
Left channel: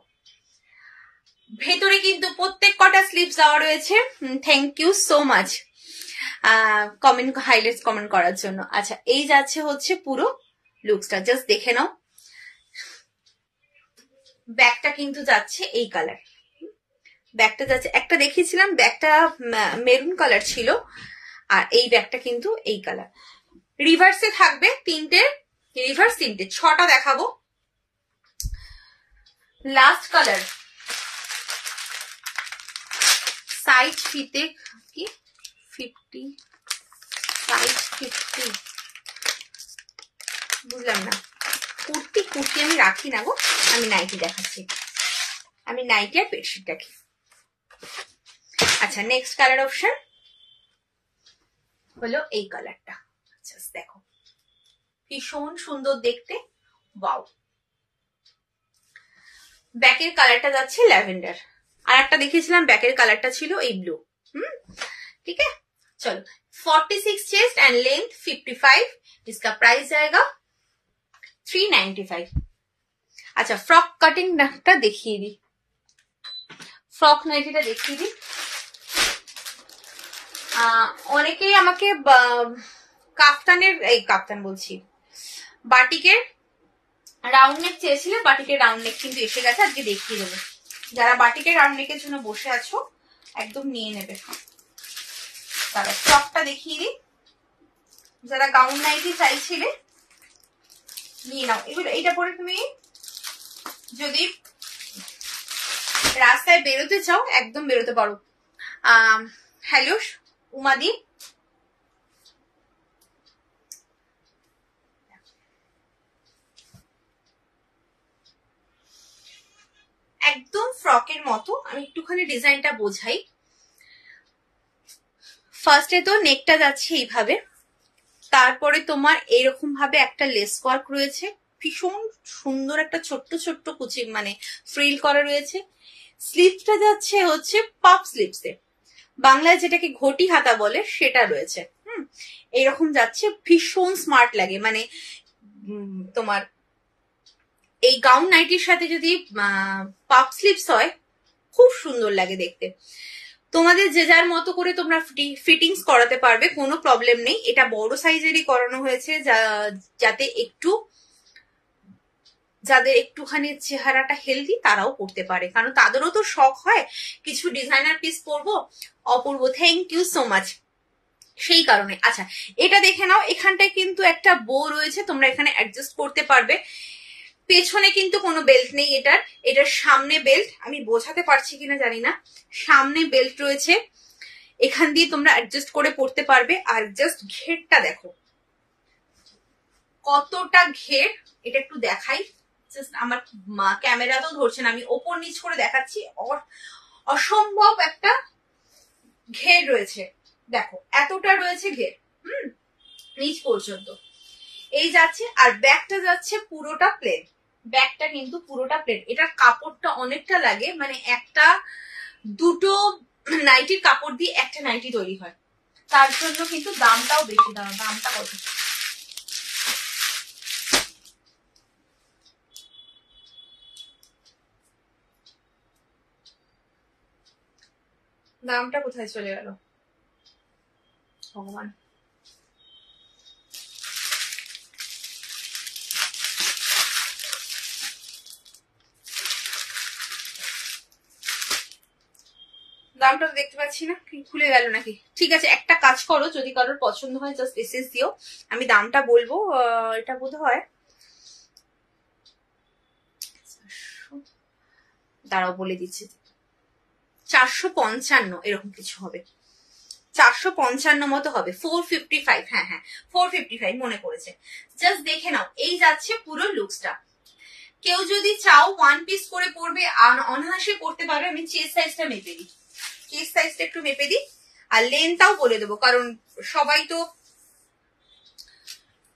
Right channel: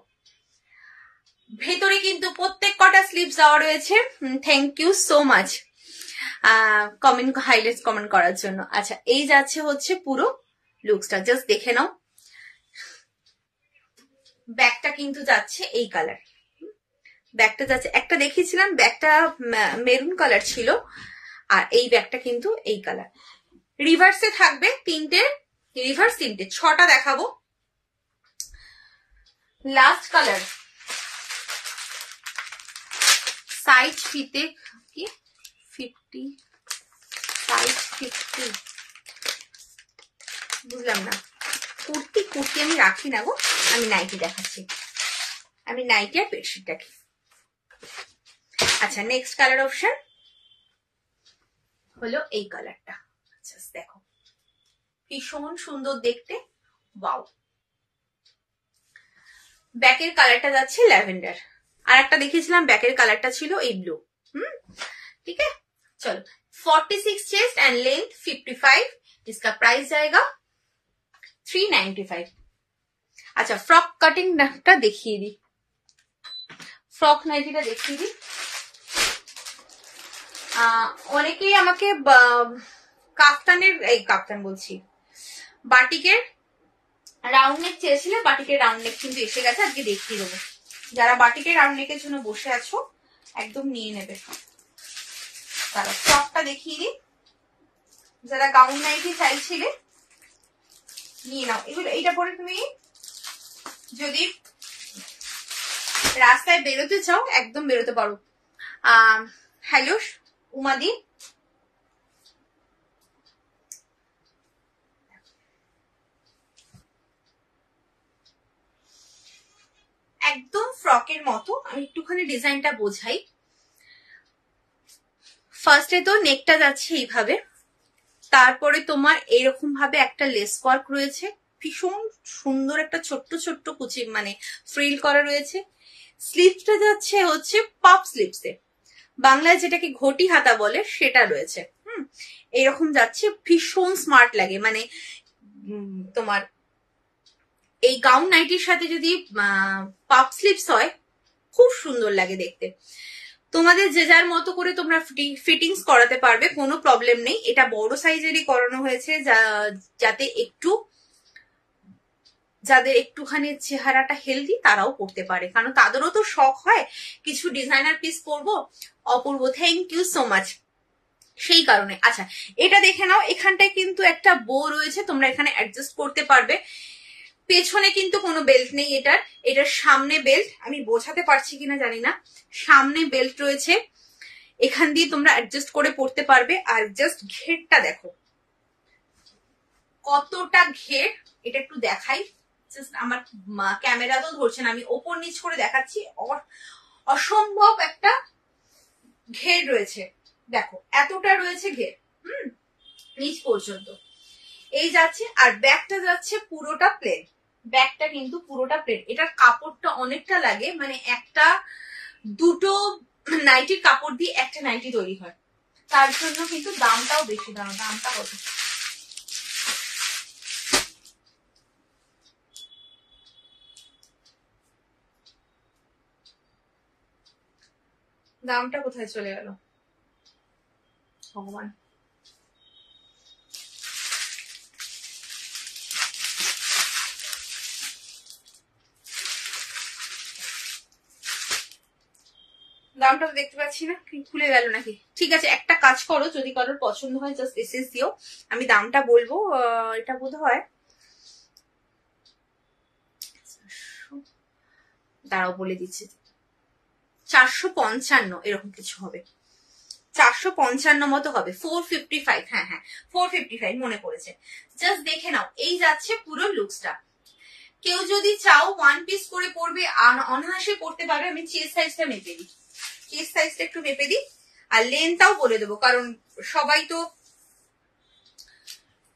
ভেতরে কিন্তু প্রত্যেক কটা স্লিভস দেওয়া রয়েছে। Thank you so much comment, highlight comment করার জন্য। আচ্ছা, এই যাচ্ছে হচ্ছে পুরো লুকসটা, জাস্ট দেখে নাও। ব্যাগটা কিন্তু যাচ্ছে এই কালার, ব্যাগটা যাচ্ছে, একটা দেখিয়েছিলাম ব্যাগটা মেরুন কালার ছিল, আর এই ব্যাগটা কিন্তু এই কালার। রিভার্সে থাকবে তিনটে, রিভার্স তিনটে, 6টা দেখাবো। লাস্ট কালার, সাইজ ফিতে কি 50, সাইজ 50, বুঝলাম না। কুর্তি আমি রাখি না গো, আমি নাইটি দেখাচ্ছি, আমি নাইটি আর বেডশিট রাখি। আচ্ছা, নেক্সট কালার অপশন হলো এই কালারটা। আচ্ছা, দেখো, ভীষণ সুন্দর দেখতে, ওয়াও। ব্যাকের কালারটা যাচ্ছে ল্যাভেন্ডার, আর একটা দেখিয়েছিলাম ব্যাকের কালারটা ছিল এই ব্লু। ठीक है, चलो 46 चेस्ट एंड लेंथ 55। इसका प्राइस जाएगा 395। अच्छा, फ्रॉक कटिंग টা দেখিয়ে দিই, ফ্রক নাইটিটা দেখিয়ে দিই। অনেকেই আমাকে কাফতানের, এই কাফতান বলছি, বাটিকের রাউন্ড নেক চেয়েছিলে, বাটিকের রাউন্ড নেক কিন্তু এসে গেছে, আজকে দেখিয়ে দেবো। যারা বাটিকের রাউন্ড নেকের জন্য বসে আছো একদম নিয়ে নেবে। তারা ফ্রকটা দেখিয়ে দিই। যারা গাউন নাইটি চাইছিলে নিয়ে নাও। এগুলো এইটা পরে তুমি যদি রাস্তায় বেরোতে চাও একদম বেরোতে পারো। হ্যালো উমাদি, একদম ফ্রকের মতো। আমি একটুখানি ডিজাইনটা বোঝাই। ফার্স্টে তো নেকটা যাচ্ছে এইভাবে, তারপরে তোমার এরকম ভাবে একটা লেস ওয়ার্ক রয়েছে, ভীষণ সুন্দর একটা ছোট্ট ছোট্ট কুচি মানে ফ্রিল করা রয়েছে। স্লিভসটা যাচ্ছে হচ্ছে পাফ স্লিভসে, বাংলায় যেটাকে ঘটি হাতা বলে সেটা রয়েছে। এরকম যাচ্ছে, ভীষণ স্মার্ট লাগে। মানে তোমার এই গাউন নাইটির সাথে যদি পাফ স্লিভস হয় খুব সুন্দর লাগে দেখতে। তোমাদের যে যার মতো করে তোমরা ফিটিংস করাতে পারবে, কোনো প্রবলেম নেই। এটা বড় সাইজেরই করানো হয়েছে যাতে একটু যাদের একটুখানি চেহারাটা হেলদি তারাও পড়তে পারে, কারণ তাদেরও তো শখ হয় কিছু ডিজাইনার পিস পরবো। অপূর্ব, থ্যাংক ইউ সো মাচ। সেই কারণে আচ্ছা এটা দেখে নাও, এখানটায় কিন্তু একটা বো রয়েছে, তোমরা এখানে অ্যাডজাস্ট করতে পারবে। পেছনে কিন্তু কোনো বেল্ট নেই এটার সামনে বেল্ট, আমি বোঝাতে পারছি কিনা জানি না, সামনে বেল্ট রয়েছে, এখান দিয়ে তোমরা অ্যাডজাস্ট করে পড়তে পারবে। আর জাস্ট ঘেরটা দেখো কতটা ঘের, এটা একটু দেখাই। আমার ক্যামেরা তো ধরছে না, আমি ওপর নিচ করে দেখাচ্ছি। অসম্ভব একটা ঘের রয়েছে, দেখো এতটা রয়েছে ঘের, নিচ পর্যন্ত এই যাচ্ছে। আর ব্যাকটা যাচ্ছে পুরোটা প্লেন, ব্যাকটা কিন্তু পুরোটা প্লেন। এটার কাপড়টা অনেকটা লাগে, মানে একটা দুটো নাইটির কাপড় দিয়ে একটা নাইটি তৈরি হয়, তার জন্য কিন্তু দামটাও বেশি। দামটা কত? দামটা কোথায় চলে গেল ভগবান? দামটা তো দেখতে পাচ্ছি না, কি খুলে গেল নাকি? ঠিক আছে, একটা কাজ করো, যদি কারোর পছন্দ হয় জাস্ট মেসেজ দিও, আমি দামটা বলবো। এটা বোধ হয়, দাঁড়াও বলে দিচ্ছি, 455 এরকম কিছু হবে, 455 মতো হবে, 455। হ্যাঁ হ্যাঁ 455 মনে পড়েছে। জাস্ট দেখে নাও, এই যাচ্ছে পুরো লুকসটা। কেউ যদি চাও ওয়ান পিস করে পরবে, অনায়াসে পড়তে পারবে। আমি চেস্ট সাইজটা মেপে দিই, চেস্ট সাইজটা একটু মেপে দিই, আর লেন্থটাও বলে দেবো, কারণ সবাই তো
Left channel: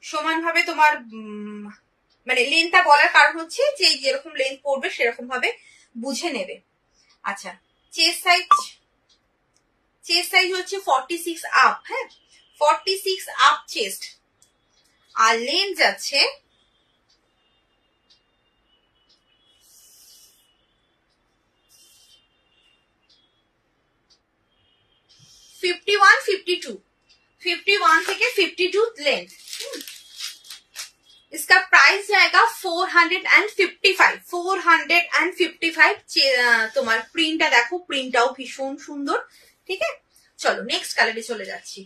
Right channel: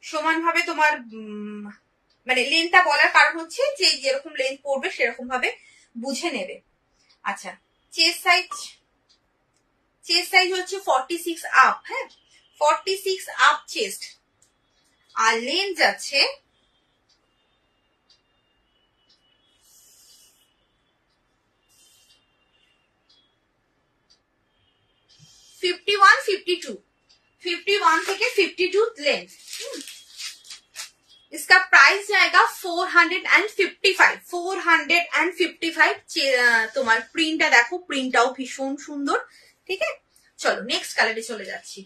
সমানভাবে তোমার মানে লেন্থটা বলার কারণ হচ্ছে যে যেরকম লেন্থ পড়বে সেরকম ভাবে বুঝে নেবে। আচ্ছা চেস্ট সাইজ হচ্ছে 46 আপ, হ্যাঁ 46 আপ চেস্ট, আর লেন্থ যাচ্ছে 51 থেকে 52 लेंथ। इसका प्राइस जाएगा 455। তোমার প্রিন্টটা দেখো, প্রিন্টটাও ভীষণ সুন্দর। ঠিক আছে, চলো নেক্সট কালারে চলে যাচ্ছি।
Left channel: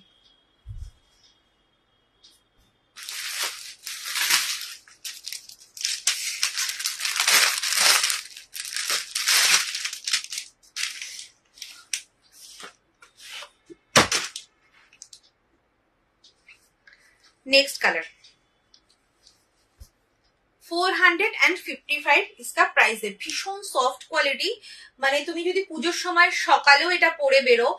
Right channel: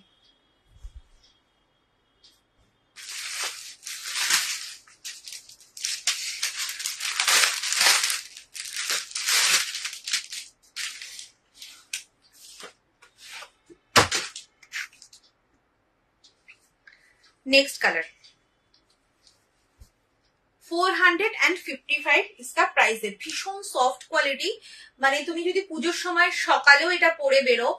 नेक्स्ट कलर 455 इसका प्राइस है। भीषण सॉफ्ट क्वालिटी, মানে তুমি যদি পুজোর সময় সকালেও এটা পরে বেরো,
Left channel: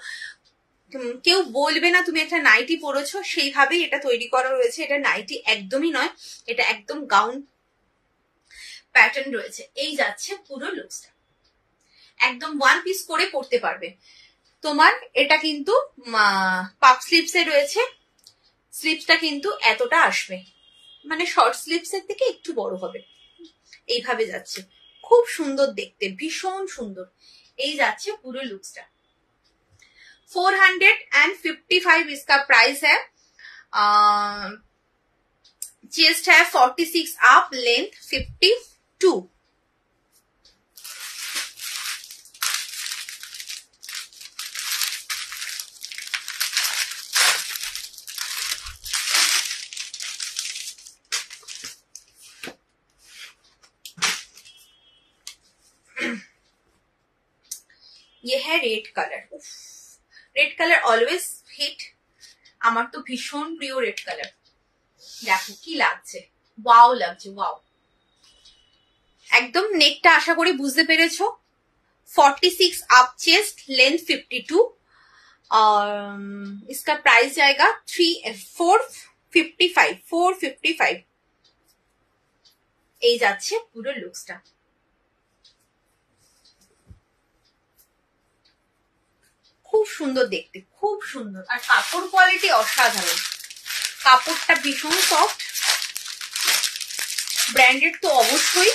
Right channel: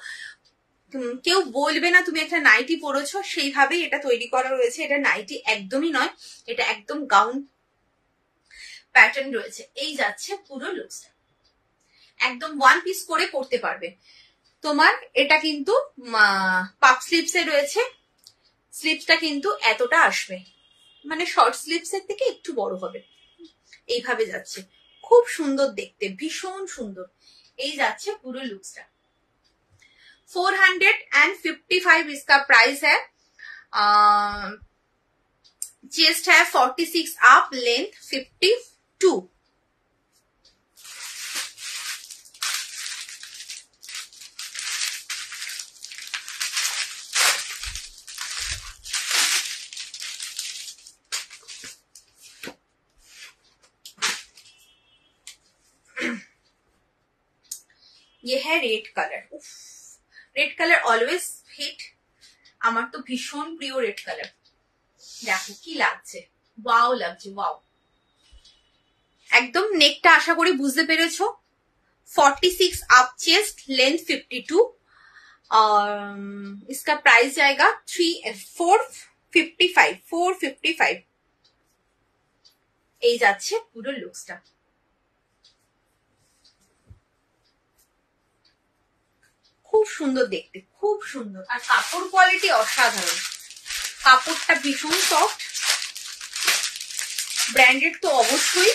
কেউ বলবে না তুমি একটা নাইটি পরেছো, সেইভাবেই এটা তৈরি করা রয়েছে। এটা নাইটি একদমই নয়, এটা একদম গাউন প্যাটার্ন রয়েছে। এই যাচ্ছে পুরো লুকসটা, একদম ওয়ান পিস করে পরতে পারবে। তোমার এটা কিন্তু পাফ স্লিভস এ রয়েছে, স্লিভসটা কিন্তু এতটা আসবে, মানে শর্ট স্লিভস এর থেকে একটু বড় হবে। এইভাবে যাচ্ছে, খুব সুন্দর দেখতে, ভীষণ সুন্দর। এই যাচ্ছে পুরো লুকসটা। 455 इसका प्राइस है। चेस्ट है 46 अप, लेंथ 52। ये है red colour. Red colour always hit, আমার তো ভীষণ প্রিয় রেড কালার। দেখো কি লাগছে, ওয়াও লাগছে, ওয়াও। একদম নেকটা আশা করি বুঝতে পেরেছো। 46 अप चेस्ट, लेंथ 52। इसका प्राइस जाएगा 455। এই যাচ্ছে পুরো লুকসটা। খুব সুন্দর দেখতে, খুব সুন্দর। আর কাপড় কোয়ালিটি অসাধারণ, কাপড়টা ভীষণ সফট, ব্র্যান্ডেড তো অবশ্যই।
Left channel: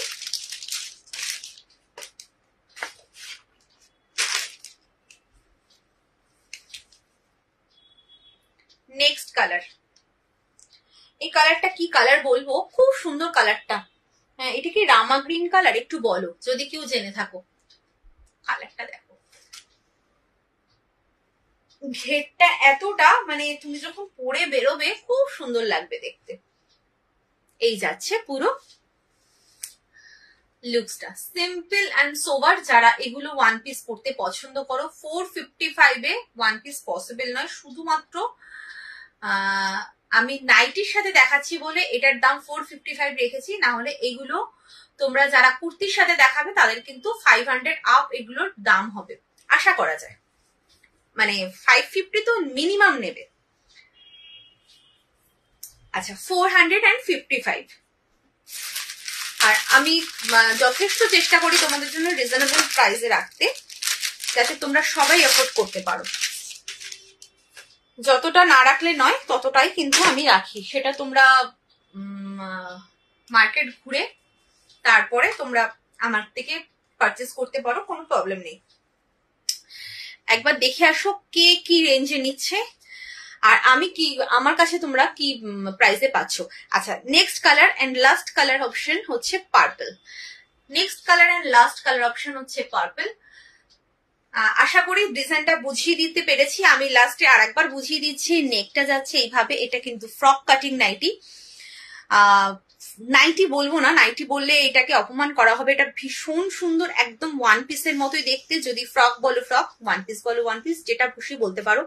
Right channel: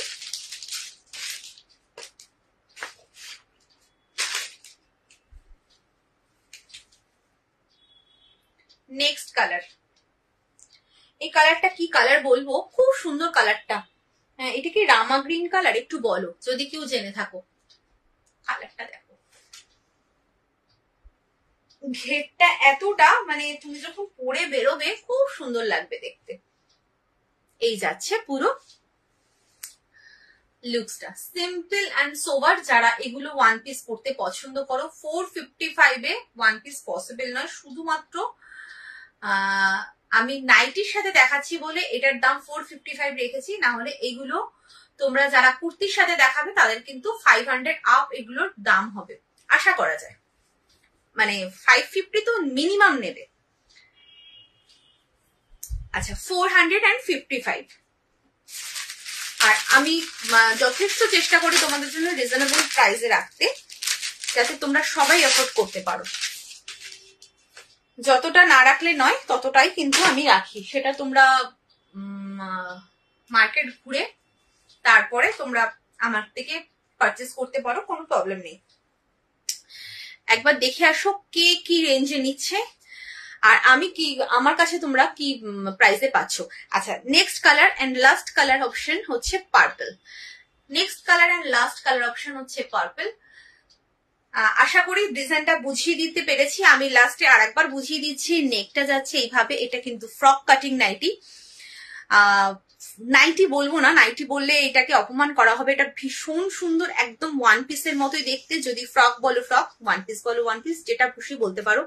নেক্সট কালার, এই কালারটা কি কালার বলবো, খুব সুন্দর কালারটা। হ্যাঁ, এটা কি রামা গ্রিন কালার? একটু বলো যদি কেউ জেনে থাকো। কালারটা দেখো, ঘেরটা এতটা, মানে তুমি যখন পরে বেরোবে খুব সুন্দর লাগবে দেখতে। এই যাচ্ছে পুরো লুকসটা, সিম্পল অ্যান্ড সোবার। যারা এগুলো ওয়ান পিস পরতে পছন্দ করো, 455 এ ওয়ান পিস পসিবল নয়। শুধুমাত্র আমি নাইটির সাথে দেখাচ্ছি বলে এটার দাম 455 রেখেছি, না হলে এগুলো তোমরা যারা কুর্তির সাথে দেখাবে তাদের কিন্তু 500 আপ এগুলোর দাম হবে আশা করা যায়। মানে 550 তো মিনিমাম নেবে। আচ্ছা, 455। আর আমি যথেষ্ট চেষ্টা করি তোমাদের জন্য রিজনেবল প্রাইসে রাখতে, যাতে তোমরা সবাই এফোর্ড করতে পারো। যতটা না রাখলে নয়, ততটাই কিন্তু আমি রাখি। সেটা তোমরা মার্কেট ঘুরে তারপরে তোমরা আমার থেকে পারচেস করতে পারো, কোনো প্রবলেম নেই। একবার দেখে আসো কে কি রেঞ্জে নিচ্ছে আর আমি কি, আমার কাছে তোমরা কি প্রাইসে পাচ্ছ। আচ্ছা, next colour and last colour option হচ্ছে purple. Next colour and last colour option হচ্ছে পার্পল। আশা করি ডিজাইনটা বুঝিয়ে দিতে পেরেছি। আমি লাস্টে আর একবার বুঝিয়ে দিচ্ছি। নেকটা যাচ্ছে এইভাবে, এটা কিন্তু ফ্রক কাটিং নাইটি। নাইটি বলবো না, নাইটি বললে এটাকে অপমান করা হবে। এটা ভীষণ সুন্দর, একদম ওয়ান পিসের মতোই দেখতে। যদি ফ্রক বলো ফ্রক, ওয়ান পিস বলো ওয়ান পিস, যেটা খুশি বলতে পারো।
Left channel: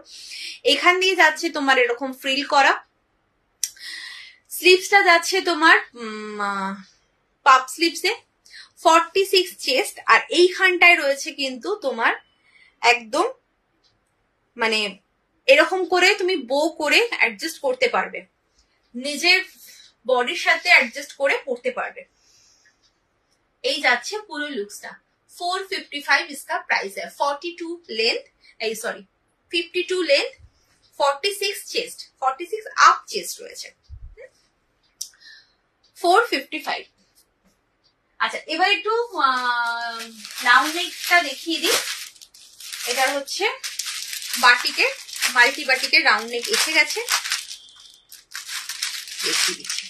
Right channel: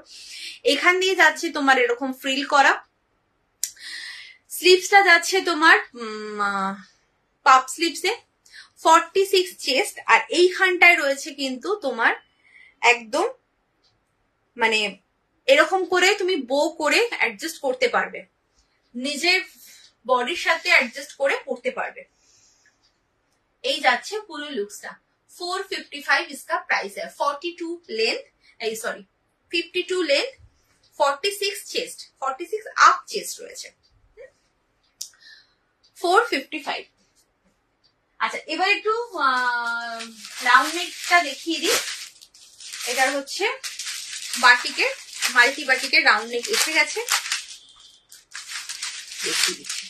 এখান দিয়ে যাচ্ছে তোমার এরকম ফ্রিল করা। স্লিভসটা যাচ্ছে তোমার পাপ স্লিভসে, 46 চেস্ট। আর এইখানটায় রয়েছে কিন্তু তোমার একদম মানে এরকম করে তুমি বো করে অ্যাডজাস্ট করতে পারবে, নিজের বডির সাথে অ্যাডজাস্ট করে পড়তে পারবে। এই যাচ্ছে পুরো লুকসটা। 455 इसका प्राइस है। 42 length, sorry 52 length, 46 chest, 46 up chest রয়েছে, 455। আচ্ছা, এবার একটু রাউন্ড নেকটা দেখিয়ে দিই। এটার হচ্ছে বাটিকের, মাল্টি বাটিকের রাউন্ড নেক এসে গেছে, দেখিয়ে দিচ্ছি।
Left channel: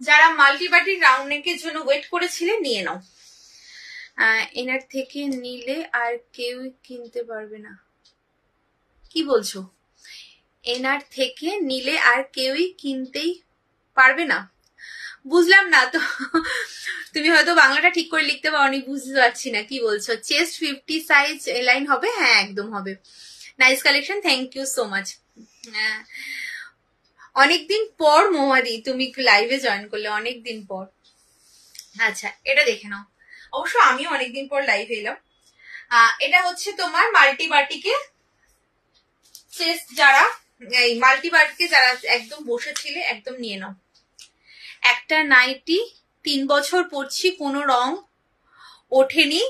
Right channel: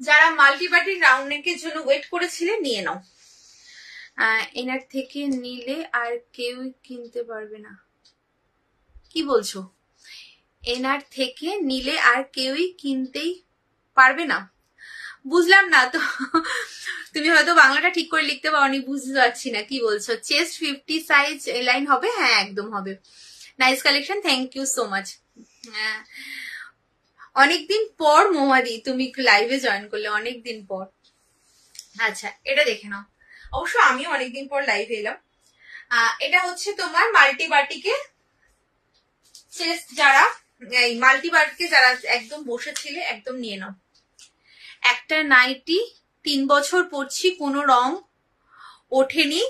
যারা মাল্টি বাটিক রাউন্ড নেকের জন্য ওয়েট করেছিলেন নিয়ে নাও। এনার থেকে নিলে আর কেউ কিনতে পারবে না? কি বলছো? এনার থেকে নিলে আর কেউই কিনতেই পারবে না? বুঝলাম না তো, তুমি হয়তো বাংলাটা ঠিক করে লিখতে পারোনি, বুঝতে পারছি না কি বলছো। চেস্ট 50 সাইজ লাইন হবে? হ্যাঁ, একদম হবে। Nice collection, thank you so much. অনেকদিন পর মোহাদি তুমি লাইভে জয়েন করলে, অনেকদিন পর। আচ্ছা, এটা দেখে নাও। অবশ্য আমিও অনেকদিন পর লাইভে এলাম। এটা হচ্ছে তোমার মাল্টি বাটিকে চেস্ট, যারা এই মাল্টি বাটিকে যারা একদম বসেছিলে একদম নিয়ে নাও। একটা নাইটি 3 বছর পরছি, কোনো রং ওঠেনি,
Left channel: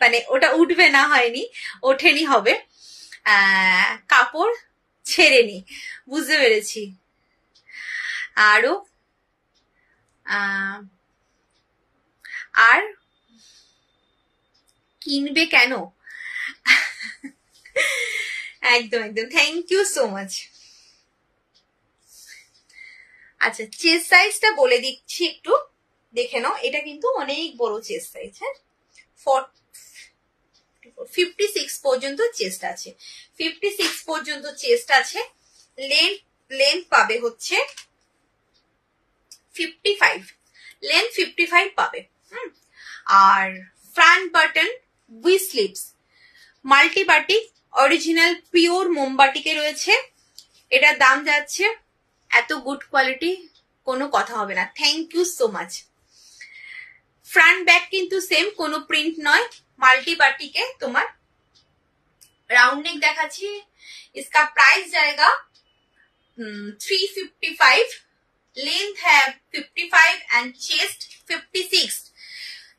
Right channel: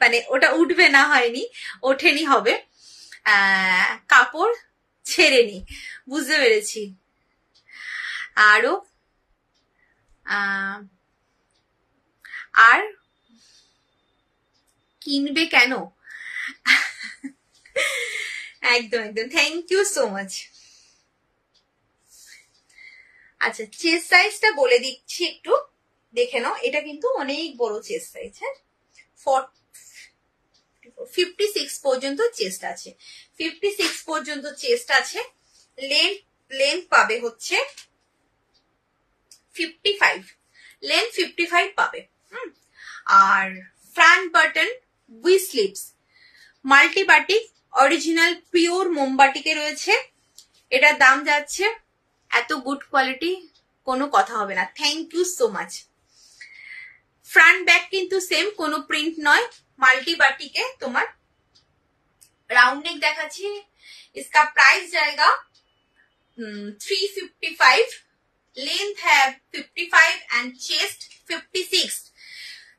মানে ওটা উঠবে না, হয়নি, ওঠেনি হবে, কাপড় ছেড়েনি, বুঝতে পেরেছি। আরো আর কিনবে কেন? একদম একদম, থ্যাংক ইউ সো মাচ। আচ্ছা, চেস্ট সাইজটা বলে দিচ্ছি, একটু দেখে নাও। এটা কিন্তু অনেক বড় চেস্ট সাইজ। হ্যাঁ, 56 পর্যন্ত চেস্ট আছে, 56 পর্যন্ত চেস্ট আছে। লেন্থ পাবে হচ্ছে 55, লেন্থ 55 পাবে। আর front button with sleeves, multi batik, original pure মোমবাটিকে রয়েছে। এটার দাম যাচ্ছে, এত গুড কোয়ালিটি, কোনো কথা হবে না। Thank you so much. Front back কিন্তু সেম, কোনো প্রিন্ট নয়, মাল্টি বাটিকে তোমার राउंड नेक দেখাচ্ছি। इसका प्राइस जाएगा 355, लेंथ है 55 एंड चेस्ट 56।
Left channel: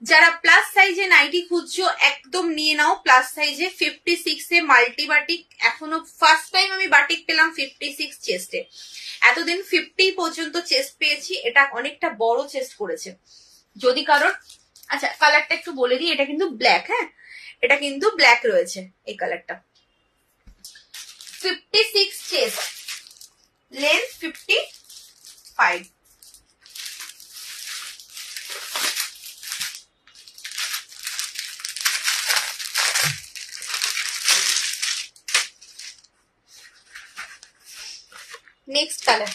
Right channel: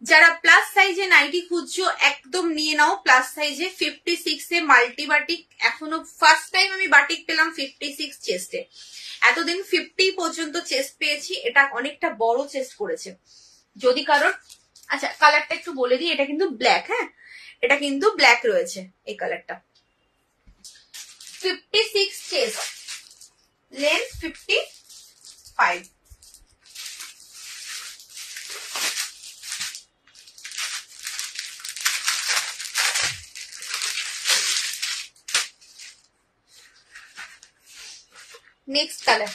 যারা প্লাস সাইজে নাইটি খুঁজছো একদম নিয়ে নাও, প্লাস সাইজে 56 এ মাল্টি বাটিক। এখনো ফার্স্ট টাইম আমি বাটিক পেলাম 56 চেস্টে, এতদিন 50 পর্যন্ত চেস্ট পেয়েছি। এটা অনেকটা বড় চেস্ট করেছে। যদি কারোর, আচ্ছা কালারটা একটু বলে দিই, এটা কিন্তু ব্ল্যাক। হ্যাঁ, এটা কিন্তু ব্ল্যাক রয়েছে এই কালারটা। 56 chest, length 55। Next colour,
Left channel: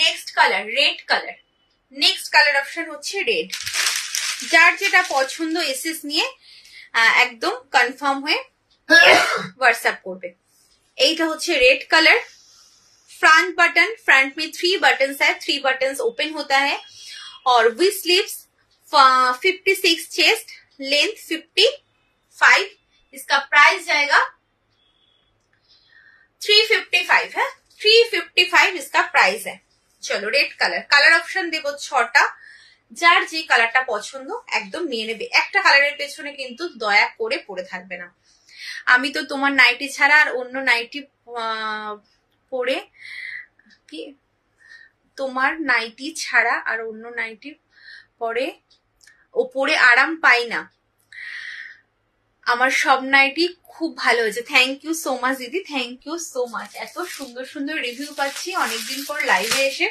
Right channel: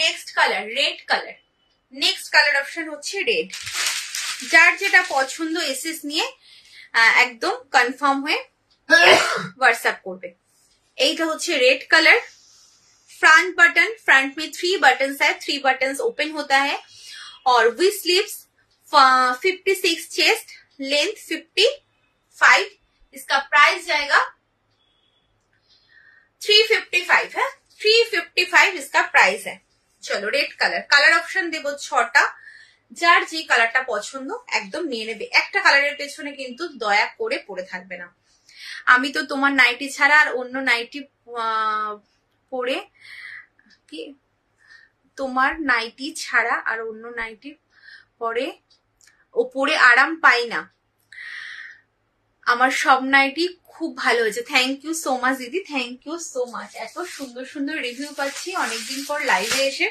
next colour red colour. Next colour option হচ্ছে রেড। যার যেটা পছন্দ এসএস নিয়ে একদম কনফার্ম হয়ে হোয়াটসঅ্যাপ করবে। এইটা হচ্ছে red colour. Front button, front में 3 बटन है, 3 बटन ओपन होता है और विथ स्लीव्स 56 चेस्ट, लेंथ 55। इसका प्राइस जाएगा 355 है, 355 इसका प्राइस है। চলো রেড কালার, কালার অপশন দেব 6টা। যার যে কালারটা পছন্দ একদম নিয়ে নেবে। একটা কালারের পেছনে কিন্তু দয়া করে পড়ে থাকবে না। আমি তো তোমার নাইটি ছাড়া আর অন্য নাইটি পরে কি, তোমার নাইটি ছাড়া আর অন্য নাইটি পরে পরে আরাম পাই না। আমার সব নাইটি খুব ভালো হয়েছে। থ্যাংক ইউ সো মাচ দিদি, থ্যাংক ইউ সো মাচ। এত সুন্দর সুন্দর রিভিউ পাচ্ছি অনেকদিন পর লাইভে এসে,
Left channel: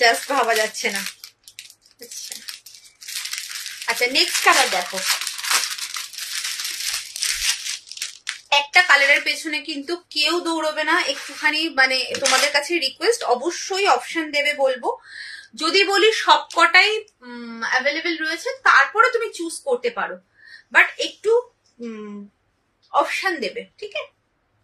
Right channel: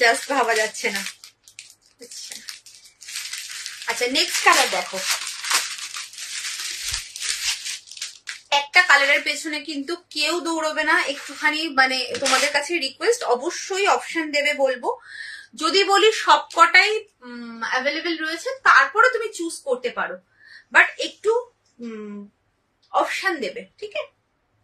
জাস্ট ভাবা যাচ্ছে না। আচ্ছা নেক্সট কালার দেখো। একটা কালারের পেছনে কিন্তু কেউ দৌড়বে না, একটুখানি মানে তোমাদের কাছে রিকোয়েস্ট, অবশ্যই অপশন দেবে বলবো। যদি বলি সব কটাই অ্যাভেলেবেল রয়েছে তারপরে তুমি চুজ করতে পারো, বাট একটু অপশন দেবে, ঠিক আছে?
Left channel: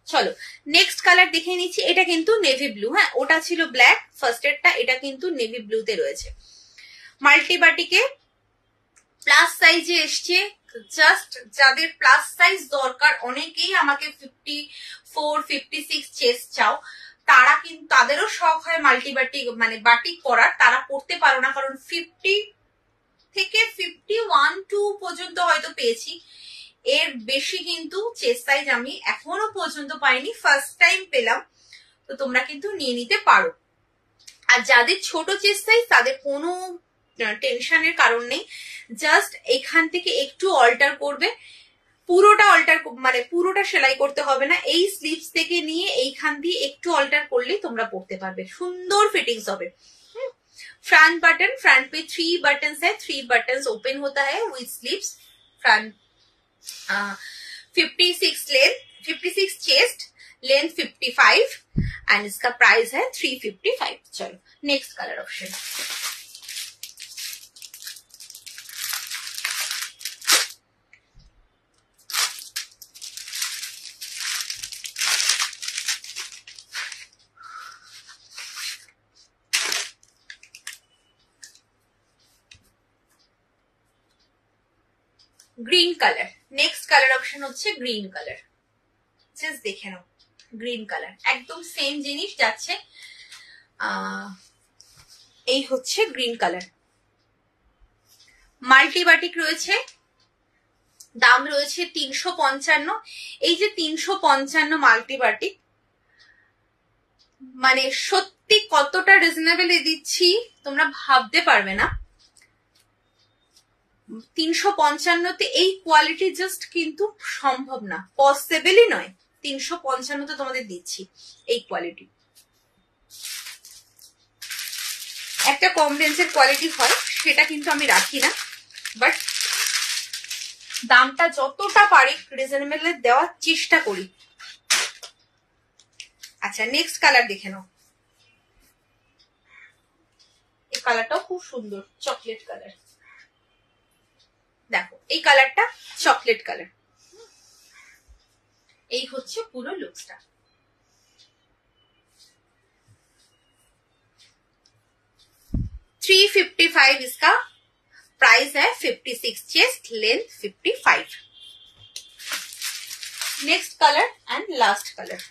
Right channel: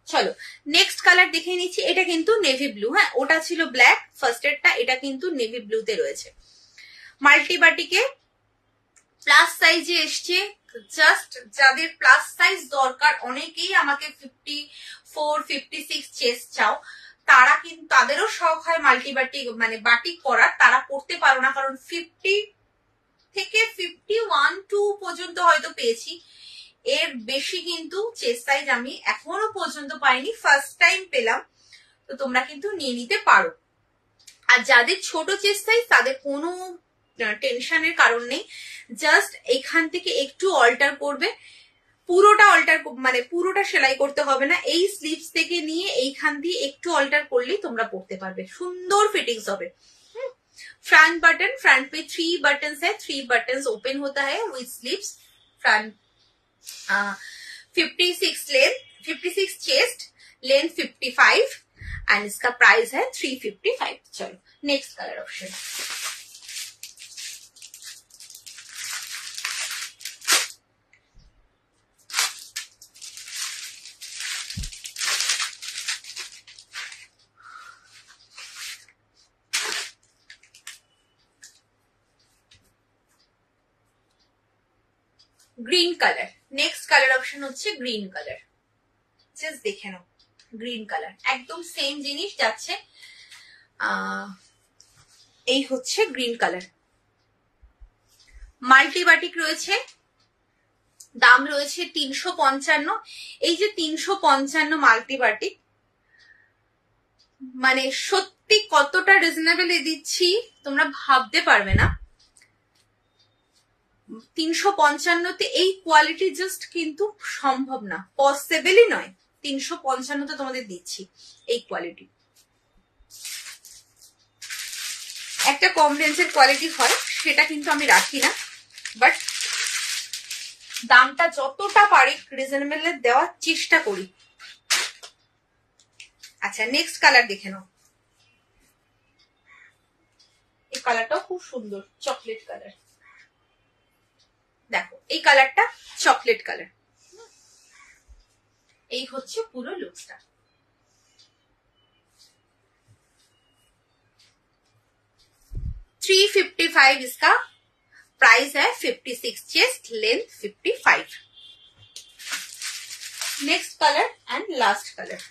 চলো নেক্সট কালার দেখে নিচ্ছি। এটা কিন্তু নেভি ব্লু। হ্যাঁ, ওটা ছিল ব্ল্যাক ফার্স্ট এরটা, এটা কিন্তু নেভি ব্লুতে রয়েছে। মাল্টি বাটিকে প্লাস সাইজে এসছে। জাস্ট যাদের প্লাস সাইজ দরকার, অনেকেই আমাকে 54, 56 চেস্ট চাও, তারা কিন্তু তাদেরও শখ হয় মাল্টি বাটিক মানে বাটিক পরার, তারা পড়তে পারো না, কারণ 50 থেকে 51, 2 পর্যন্ত হয়তো পেয়েছি, এর বেশি কিন্তু চেস্ট সাইজ আমি এখনো পর্যন্ত পাইনি, ফার্স্ট টাইম পেলাম। তো তোমরা কিন্তু নিয়ে নিতে পারো। আর যাদের ছোট চেস্ট সাইজ তাদের কোনো টেনশনের কারণ নেই, জাস্ট এখান থেকে একটু অল্টার করবে, পুরোটা অল্টার মানে পুরোটা সেলাই করতে হবে না, এই স্লিভস থেকে নিয়ে এইখান দিয়ে একটু অল্টার করলেই তোমরা পড়তে পারবে, সুন্দর ফিটিংস হবে। फ्रंट बटन, फ्रंट पे 3 बटन है, 3 बटन ओपन होता है with sleeves. Front 56 length, 56 chest, length 55 and इसका प्राइस है 355। चलो next colour option. Green colour, next colour option হচ্ছে গ্রিন কালার। জাস্ট দেখে নাও, গ্রিন কালার একদম সেম জিনিস যাচ্ছে। এই হচ্ছে গ্রিন কালার, মাল্টি বাটিক রয়েছে, দাম রয়েছে 355। এই যে 355 মাল্টি বাটিক, মানে সত্যি সত্যি কতটা রিজনেবল দিচ্ছি তোমরা ভাবতে পারবে না। 355-তে এই কোয়ালিটি জাস্ট কিন্তু সম্ভব না, পসিবলই নয়। 355-তে তোমাদের দিচ্ছি এই কোয়ালিটি। একটা কম রেঞ্জের কোয়ালিটি হয় সেটা কিন্তু আমি রাখি না, বাট দামটা যতটা পারি রিজনেবল দেওয়ার চেষ্টা করি। আচ্ছা, নেক্সট কালার দেখে নাও। এই কালারটাও খুব সুন্দর, চকলেট কালার। দেখো এই কালারটা চকলেট কালার। এই হচ্ছে পুরো লুকসটা। $355 इसका प्राइस है। 56 chest, length 55। Next colour and last colour.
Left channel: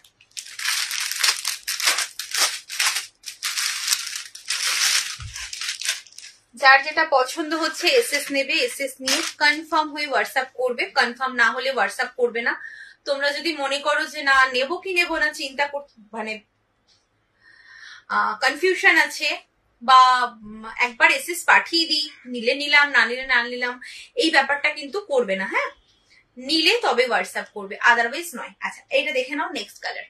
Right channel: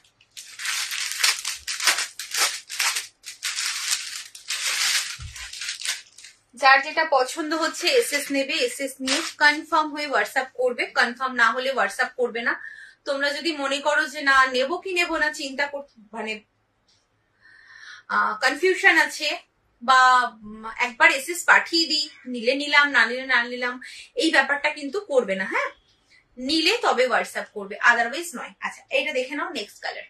যার যেটা পছন্দ হচ্ছে এসএস নেবে, এসএস নিয়ে কনফার্ম হয়ে হোয়াটসঅ্যাপ করবে। কনফার্ম না হলে হোয়াটসঅ্যাপ করবে না। তোমরা যদি মনে করো যে না নেবো কি নেবো না চিন্তা মানে কনফিউশন আছে, বা একবার এসএস পাঠিয়ে দিই, নিলে নিলাম না নিলে না নিলাম, এই ব্যাপারটা কিন্তু করবে না। হ্যাঁ, নিলে তবে হোয়াটসঅ্যাপ করবে, আদারওয়াইজ নয়। আচ্ছা, এইটা দেখে নাও নেক্সট কালার।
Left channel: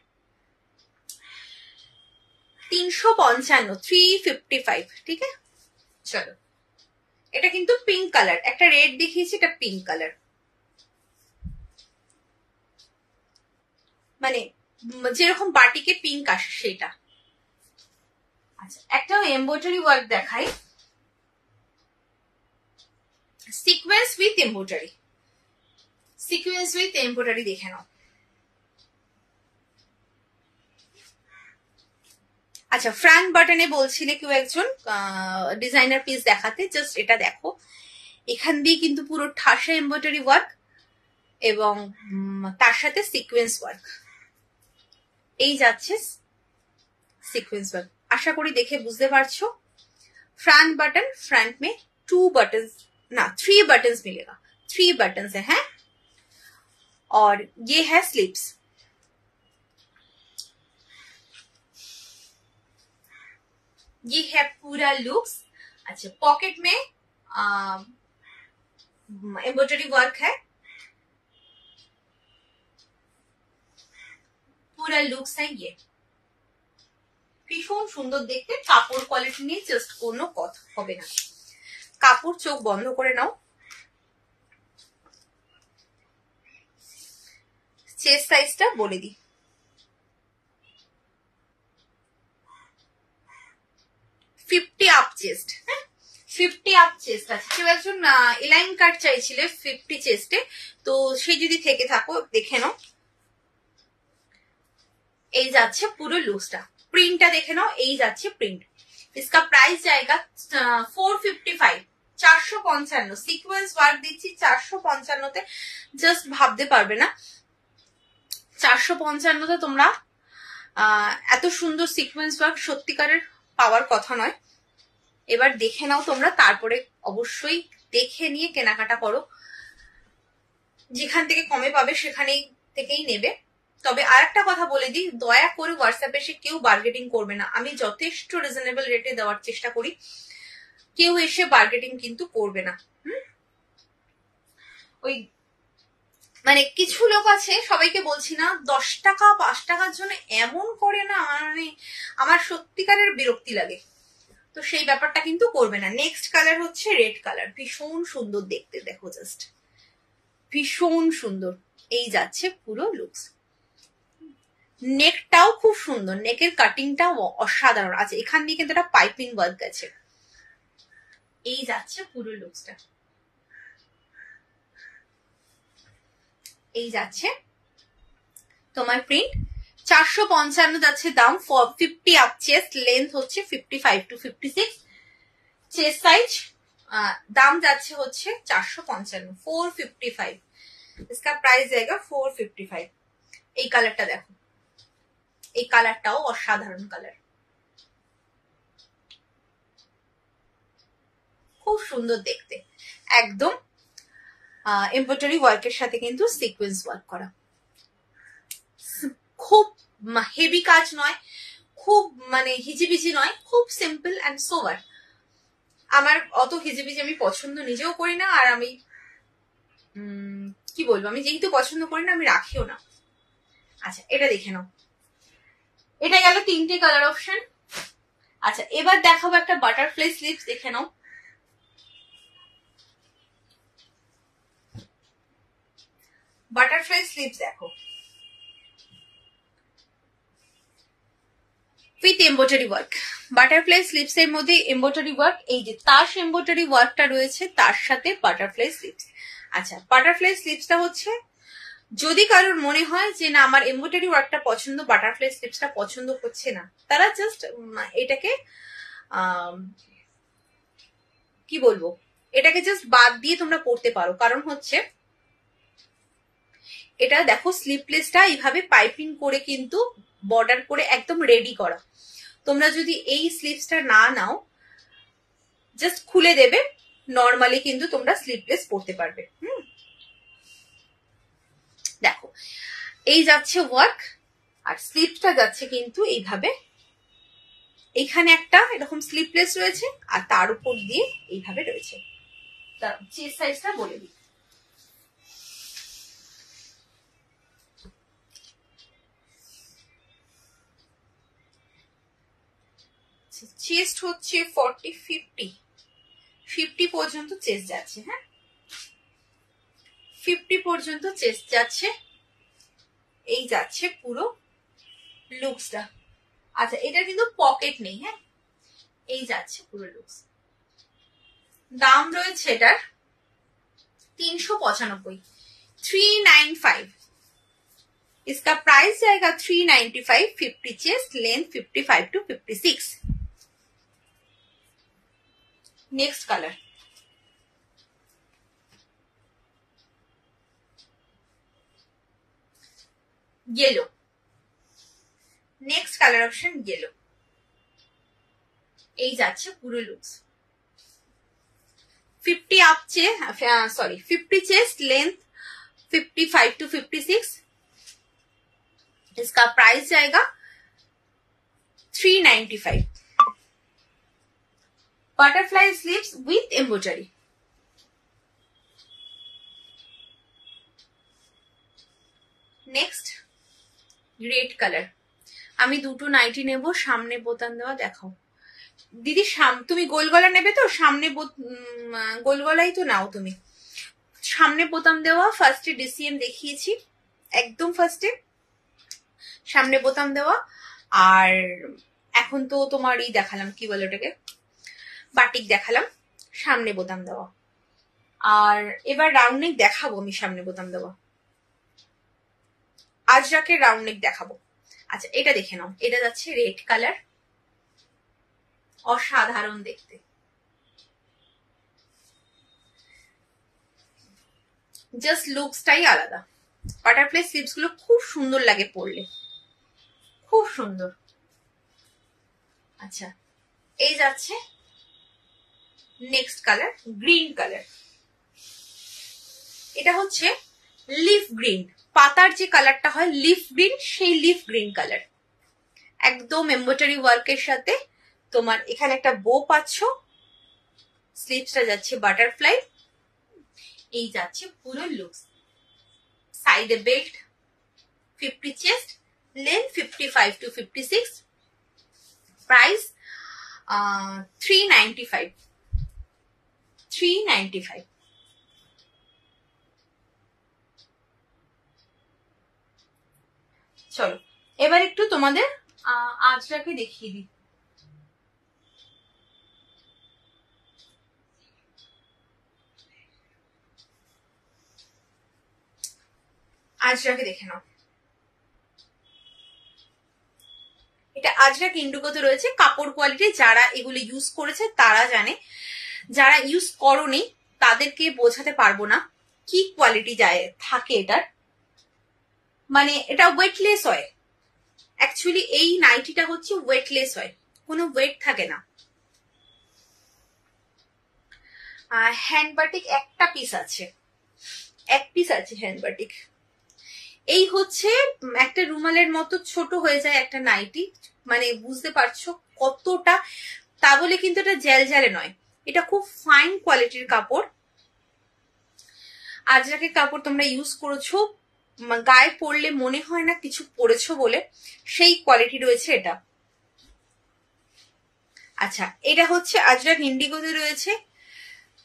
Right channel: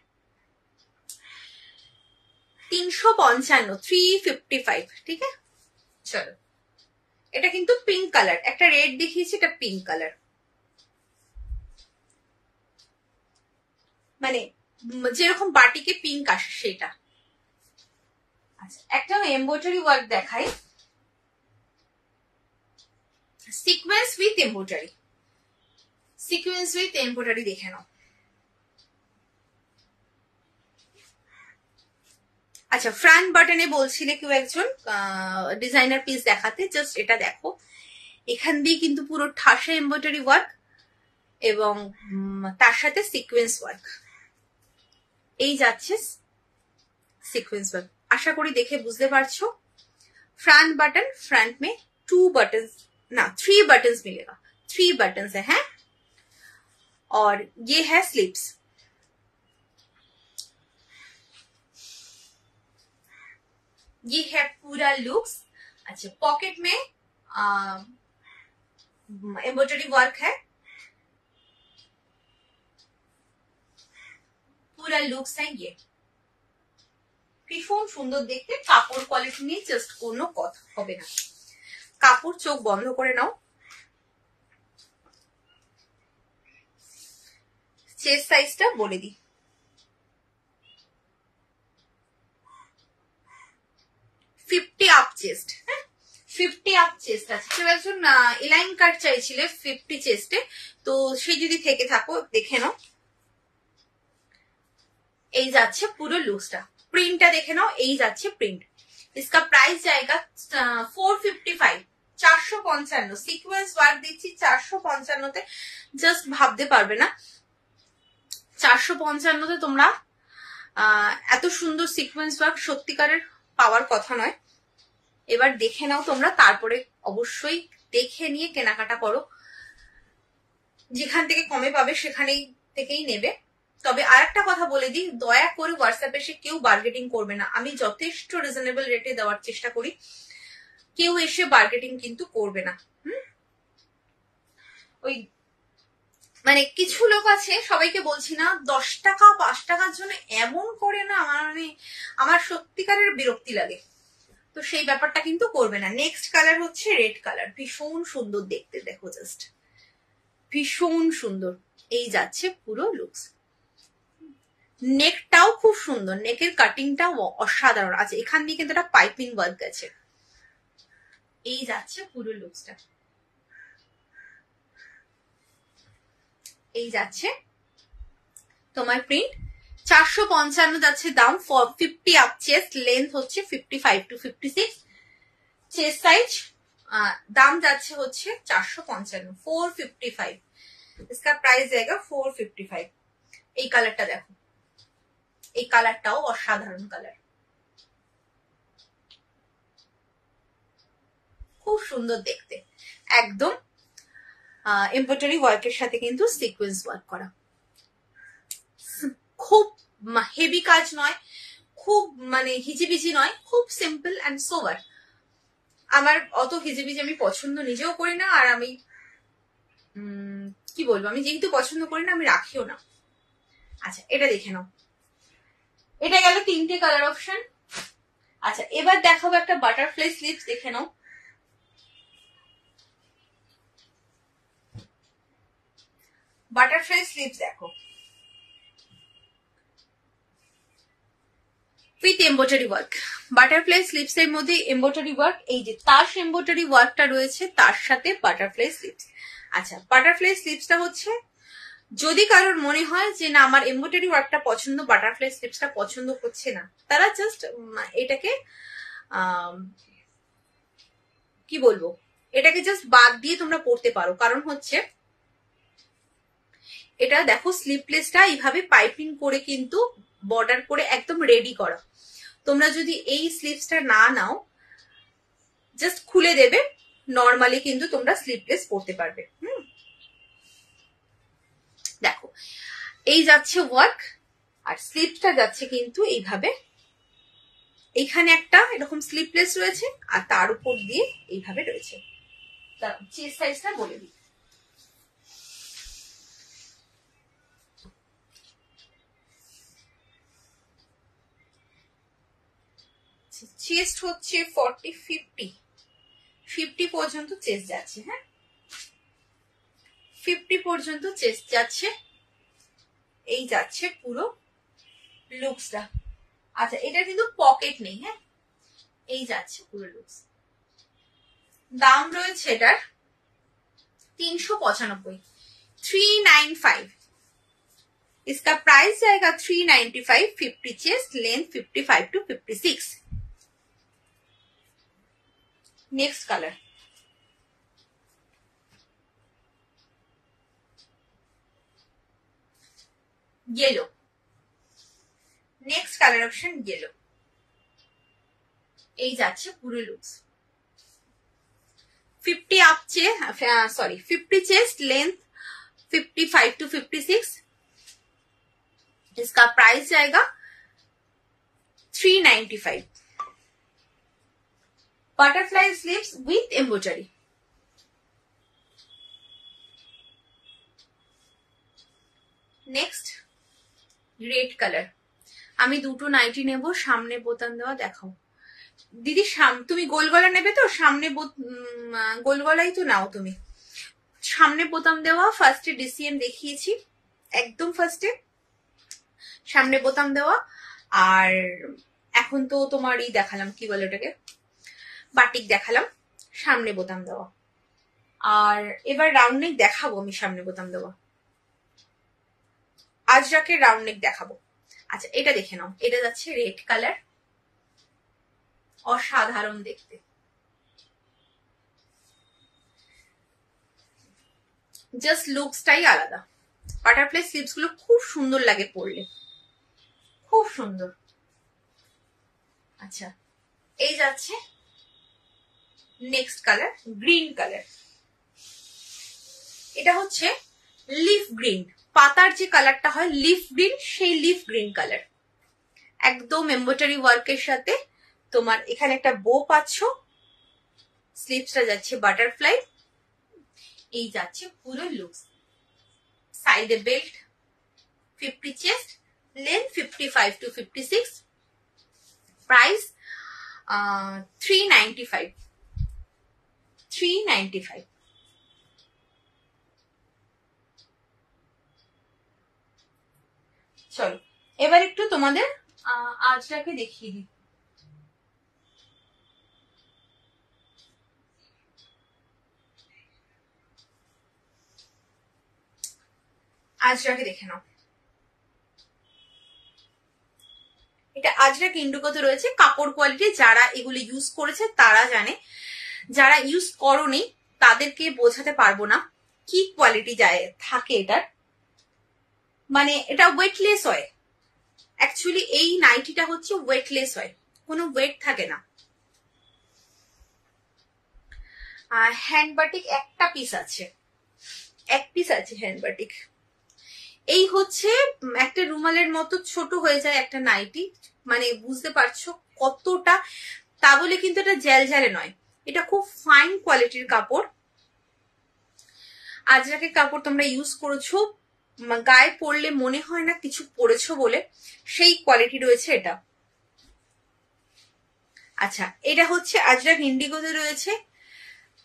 355, 355, ঠিক আছে। চলো, এটা কিন্তু পিঙ্ক কালার, একটা রেড দেখিয়েছি, এটা পিঙ্ক কালার, মানে যেরকম বাটিকে পিঙ্ক আসে সেটা। আচ্ছা, একটা এমব্রয়ডারি ওয়ার্ক দেখাই, sequence with embroidery. Sequence with embroidery দেখে নাও। আচ্ছা, ফ্রন্ট বাটনে বলছিলে কেউ একজন ডিজাইনার পিস দেখাতে, জাস্ট এটা দেখো। এখান দিয়ে কিন্তু পুরো ঠাসা এমব্রয়ডারি ওয়ার্ক এবং তার সাথে সিকোয়েন্স ওয়ার্ক। এই যাচ্ছে সিকোয়েন্স ওয়ার্ক, আশা করি দেখে বুঝতে পারছো। फ्रंट बटन, फ्रंट में 2 बटन्स ना 3 बटन्स मिलेगा, 3 बटन्स है। और ये है स्लीव्स। ये है पूरा लुक्स। अच्छा, पॉकेट में एम्ब्रॉयडरी वर्क है। पूरा लुक्स है ये, ভীষণ সুন্দর দেখতে। কাপড় কোয়ালিটি নিয়ে জাস্ট কোনো কথা হবে না। কাপড় চোখ বন্ধ করে নাও। চেস্ট সাইজটা বলে দিই, 50 আপ চেস্ট। হ্যাঁ, 50 আপ চেস্ট আছে। কেউ একজন এলাইন কাট চাইছিলে 50 চেস্টে, তো সেই যদি থেকে থাকো দেখে নাও। এই যাচ্ছে পুরো লুকসটা। প্রিন্টটা দেখে নাও, এই যাচ্ছে প্রিন্ট। इसका प्राइस जाएगा 455, 455। সিকোয়েন্স ওয়ার্ক দিচ্ছি 455-তে, জাস্ট ভাবতে পারবে না 455-তে তোমরা এত সুন্দর সিকোয়েন্স ওয়ার্ক সত্যিকারের পাওয়ার কথা নয়। এবার দেখে নাও তোমরা, তারপরে অবশ্যই দেখে নিয়ে কেনাকাটা করো। যেখান থেকে কমে পাবে সেখানেই থেকেই নেবে। তবে আর একটা কথা বলে দিই, দয়া করে হোয়াটসঅ্যাপে এসে কেউ বার্গেটিং করবে না। আমি যথেষ্ট রিজনেবল রেটে দেওয়ার চেষ্টা করি, কেউ এসে বার্গেটিং কিন্তু করবে না। ওই মানে কিছু লোক আছে, সবাইকে বলছি না, 10 টাকা 5 টাকার জন্য এমন করে না, মানে আমার সত্যিকারের বিরক্তি লাগে। তো সেই ব্যাপারটা কিন্তু করবে না। নেক্সট কালার হচ্ছে রেড কালার, ভীষণ সুন্দর দেখতে, দেখো জাস্ট ভীষণ সুন্দর। এই যাচ্ছে পুরো লুকস। নেকটাও খুব সুন্দর, নেকের কাটিংটাও অসাধারণ আছে। এখান দিয়ে কিন্তু একটা পাইপিং ওয়ার্ক আছে। এই যাচ্ছে পুরো লুকসটা। এই যাচ্ছে তোমার প্রিন্ট। 455 যাচ্ছে দাম। 50 আপ চেস্ট, লেন্থ হচ্ছে 55 to 56, চেস্ট সাইজ। দাম যাচ্ছে হচ্ছে 455, 455। इसका प्राइस जाएगा 455। এই কালারটা দেখো, এই কালারটাও অসাধারণ কালার, খুব সুন্দর দেখতে। একদম এমব্রয়ডারি ওয়ার্কের সাথে কিন্তু সিকোয়েন্স ওয়ার্ক করা, খুব হেভি কাজ নয়, খুব মানে হিজিবিজি নয়, খুব সিম্পল অ্যান্ড সোবার। আমার অত হিজিবিজি আমি পছন্দ নিজেও করি না, আর আমি কি বলবো, আমি যেহেতু পছন্দ করি না আমি রাখিও না। আচ্ছা এটা দেখে নাও, এটা গেল 3টে কালার অপশন। আচ্ছা এবার দেখাবো একটা বাটারফ্লাই স্লিভস, দেখে নাও। বাটারফ্লাই স্লিভস দেখো, with embroidery work. Butterfly sleeves এর মধ্যে এমব্রয়ডারি ওয়ার্ক, এই যে তাস এমব্রয়ডারি ওয়ার্কটা রয়েছে তার সাথে বাটারফ্লাই স্লিভস। আচ্ছা বাটারফ্লাই স্লিভসটা হচ্ছে, যদি কারোর মনে হয় যে না আমার এমব্রয়ডারি ওয়ার্কটা পছন্দ, বাটারফ্লাই স্লিভসটা পছন্দ হচ্ছে না, তারা জাস্ট এটাকে কি বলবো, এটাকে জাস্ট বাদ দিয়ে তোমরা পড়তে পারো। কারণ হচ্ছে এটা দেখো স্লিভলেসটা এইভাবে পাইপিং করে কিন্তু বর্ডার করে একদম রেডি করা। তোমরা যদি এই স্লিভসটা না নাও, জাস্ট খুলে দেবে, নর্মালি কিন্তু তোমরা স্লিভলেস পরতে পারবে। দেখো এই যাচ্ছে ওয়ার্ক, আর স্লিভসটা যাচ্ছে কিন্তু এইভাবে, এইখানে একটা এরকম স্লিভলেস রয়েছে আর তার উপর দিয়ে এইভাবে রয়েছে। চেস্ট সাইজটা বলে দিই, চেস্ট হচ্ছে 40-50 পর্যন্ত চেস্ট যাচ্ছে। হ্যাঁ 50 পর্যন্ত চেস্ট যাচ্ছে, এই যাচ্ছে পুরো লুকসটা। আচ্ছা এটা কিন্তু পকেট নেই, হ্যাঁ এই যাচ্ছে পুরো লুকস। দাম রয়েছে এটার 395, 395। इसका प्राइस जाएगा 395। 50 chest, length 55 to 56। Next colour, yellow. Next colour option yellow, এই যাচ্ছে পুরো looks. 50 up sorry 50 chest, length 55 to 56। इसका प्राइस जाएगा 395। Butterfly sleeves with embroidery. Next red colour. আমি দুটো নাইটি নেব, সামনে বোতাম দেওয়া। দেখাও দিদি, তুমি গোল গলা নেবে তো? সামনে গোল গলাই তো নাও তুমি। সামনে বোতাম দেওয়া, ফার্স্টে ডিসিএম দেখিয়েছি, একদম ফার্স্টে সামনে বোতাম দেওয়া। আর এখন তো তোমার এই দেখালাম, কি বলে ওটাকে, বাটিক দেখালাম, সামনে বোতাম দেওয়া। আর এবার রাউন্ড নেক দেখাবো আমি, সামনে বোতাম দেওয়া আজরাকের রাউন্ড নেক দেখাবো। আচ্ছা এটা দেখে নাও, এটা যাচ্ছে রেড কালার, অসাধারণ দেখতে। জাস্ট লুকসটাই আলাদা। বাটারফ্লাই স্লিভস গুলো খুব সুন্দর লাগে পরলে, খুব সুন্দর। আচ্ছা এই যাচ্ছে নেক্সট কালার, গ্রিন কালার। এটা হচ্ছে লিফ গ্রিন, পাতার যে কালারটা হয় লিফ গ্রিন, সেই লিফ গ্রিন কালার। একদম এমব্রয়ডারি ওয়ার্কের সাথে তোমার এখানে একটা বো পাচ্ছ, স্লিভসটা যাচ্ছে বাটারফ্লাই, এই যাচ্ছে পুরো লুকস। সাইডে belt, 50 chest, length 55 to 56। Price 395। 395। চলো এবার একটু তোমাদের আজরাকে দেখিয়ে দিই। আজরাকে দেখে নাও, এটা আজরাক ইন্ডিগোতে রয়েছে। কাপড় কোয়ালিটি যারা এগুলো ইউজ করেছে তারা জানে, যারা ইউজ করোনি তাদেরকে বোঝাতে পারবো না কি কোয়ালিটি যায় থাকে এটার। মানে এটা ওয়েটলেস হয়, অ্যাকচুয়ালি এই নাইটিটা হচ্ছে ওয়েটলেস হয়, কোনো ওয়েট থাকে না। আর হ্যান্ড বাটিক একটা পিস আছে, এক পিস আছে হ্যান্ড বাটিক। এই হচ্ছে একটা রুমালের মতো ছোট হয়ে যায় একটা নাইটি, মানে বুঝতে পারছো কতটা, তা বলে কিন্তু এটা জ্যালজ্যালে নয়, এটা খুব ফাইন কোয়ালিটির কাপড়। আজরাকের কাপড় তোমরা ইউজ করেছো, গায়ে পরলে মনে হয় না কিছু পরেছো বলে, সেই কোয়ালিটি রয়েছে এটা। আচ্ছা, এটা হচ্ছে আজরাক ইন্ডিগোতে রয়েছে।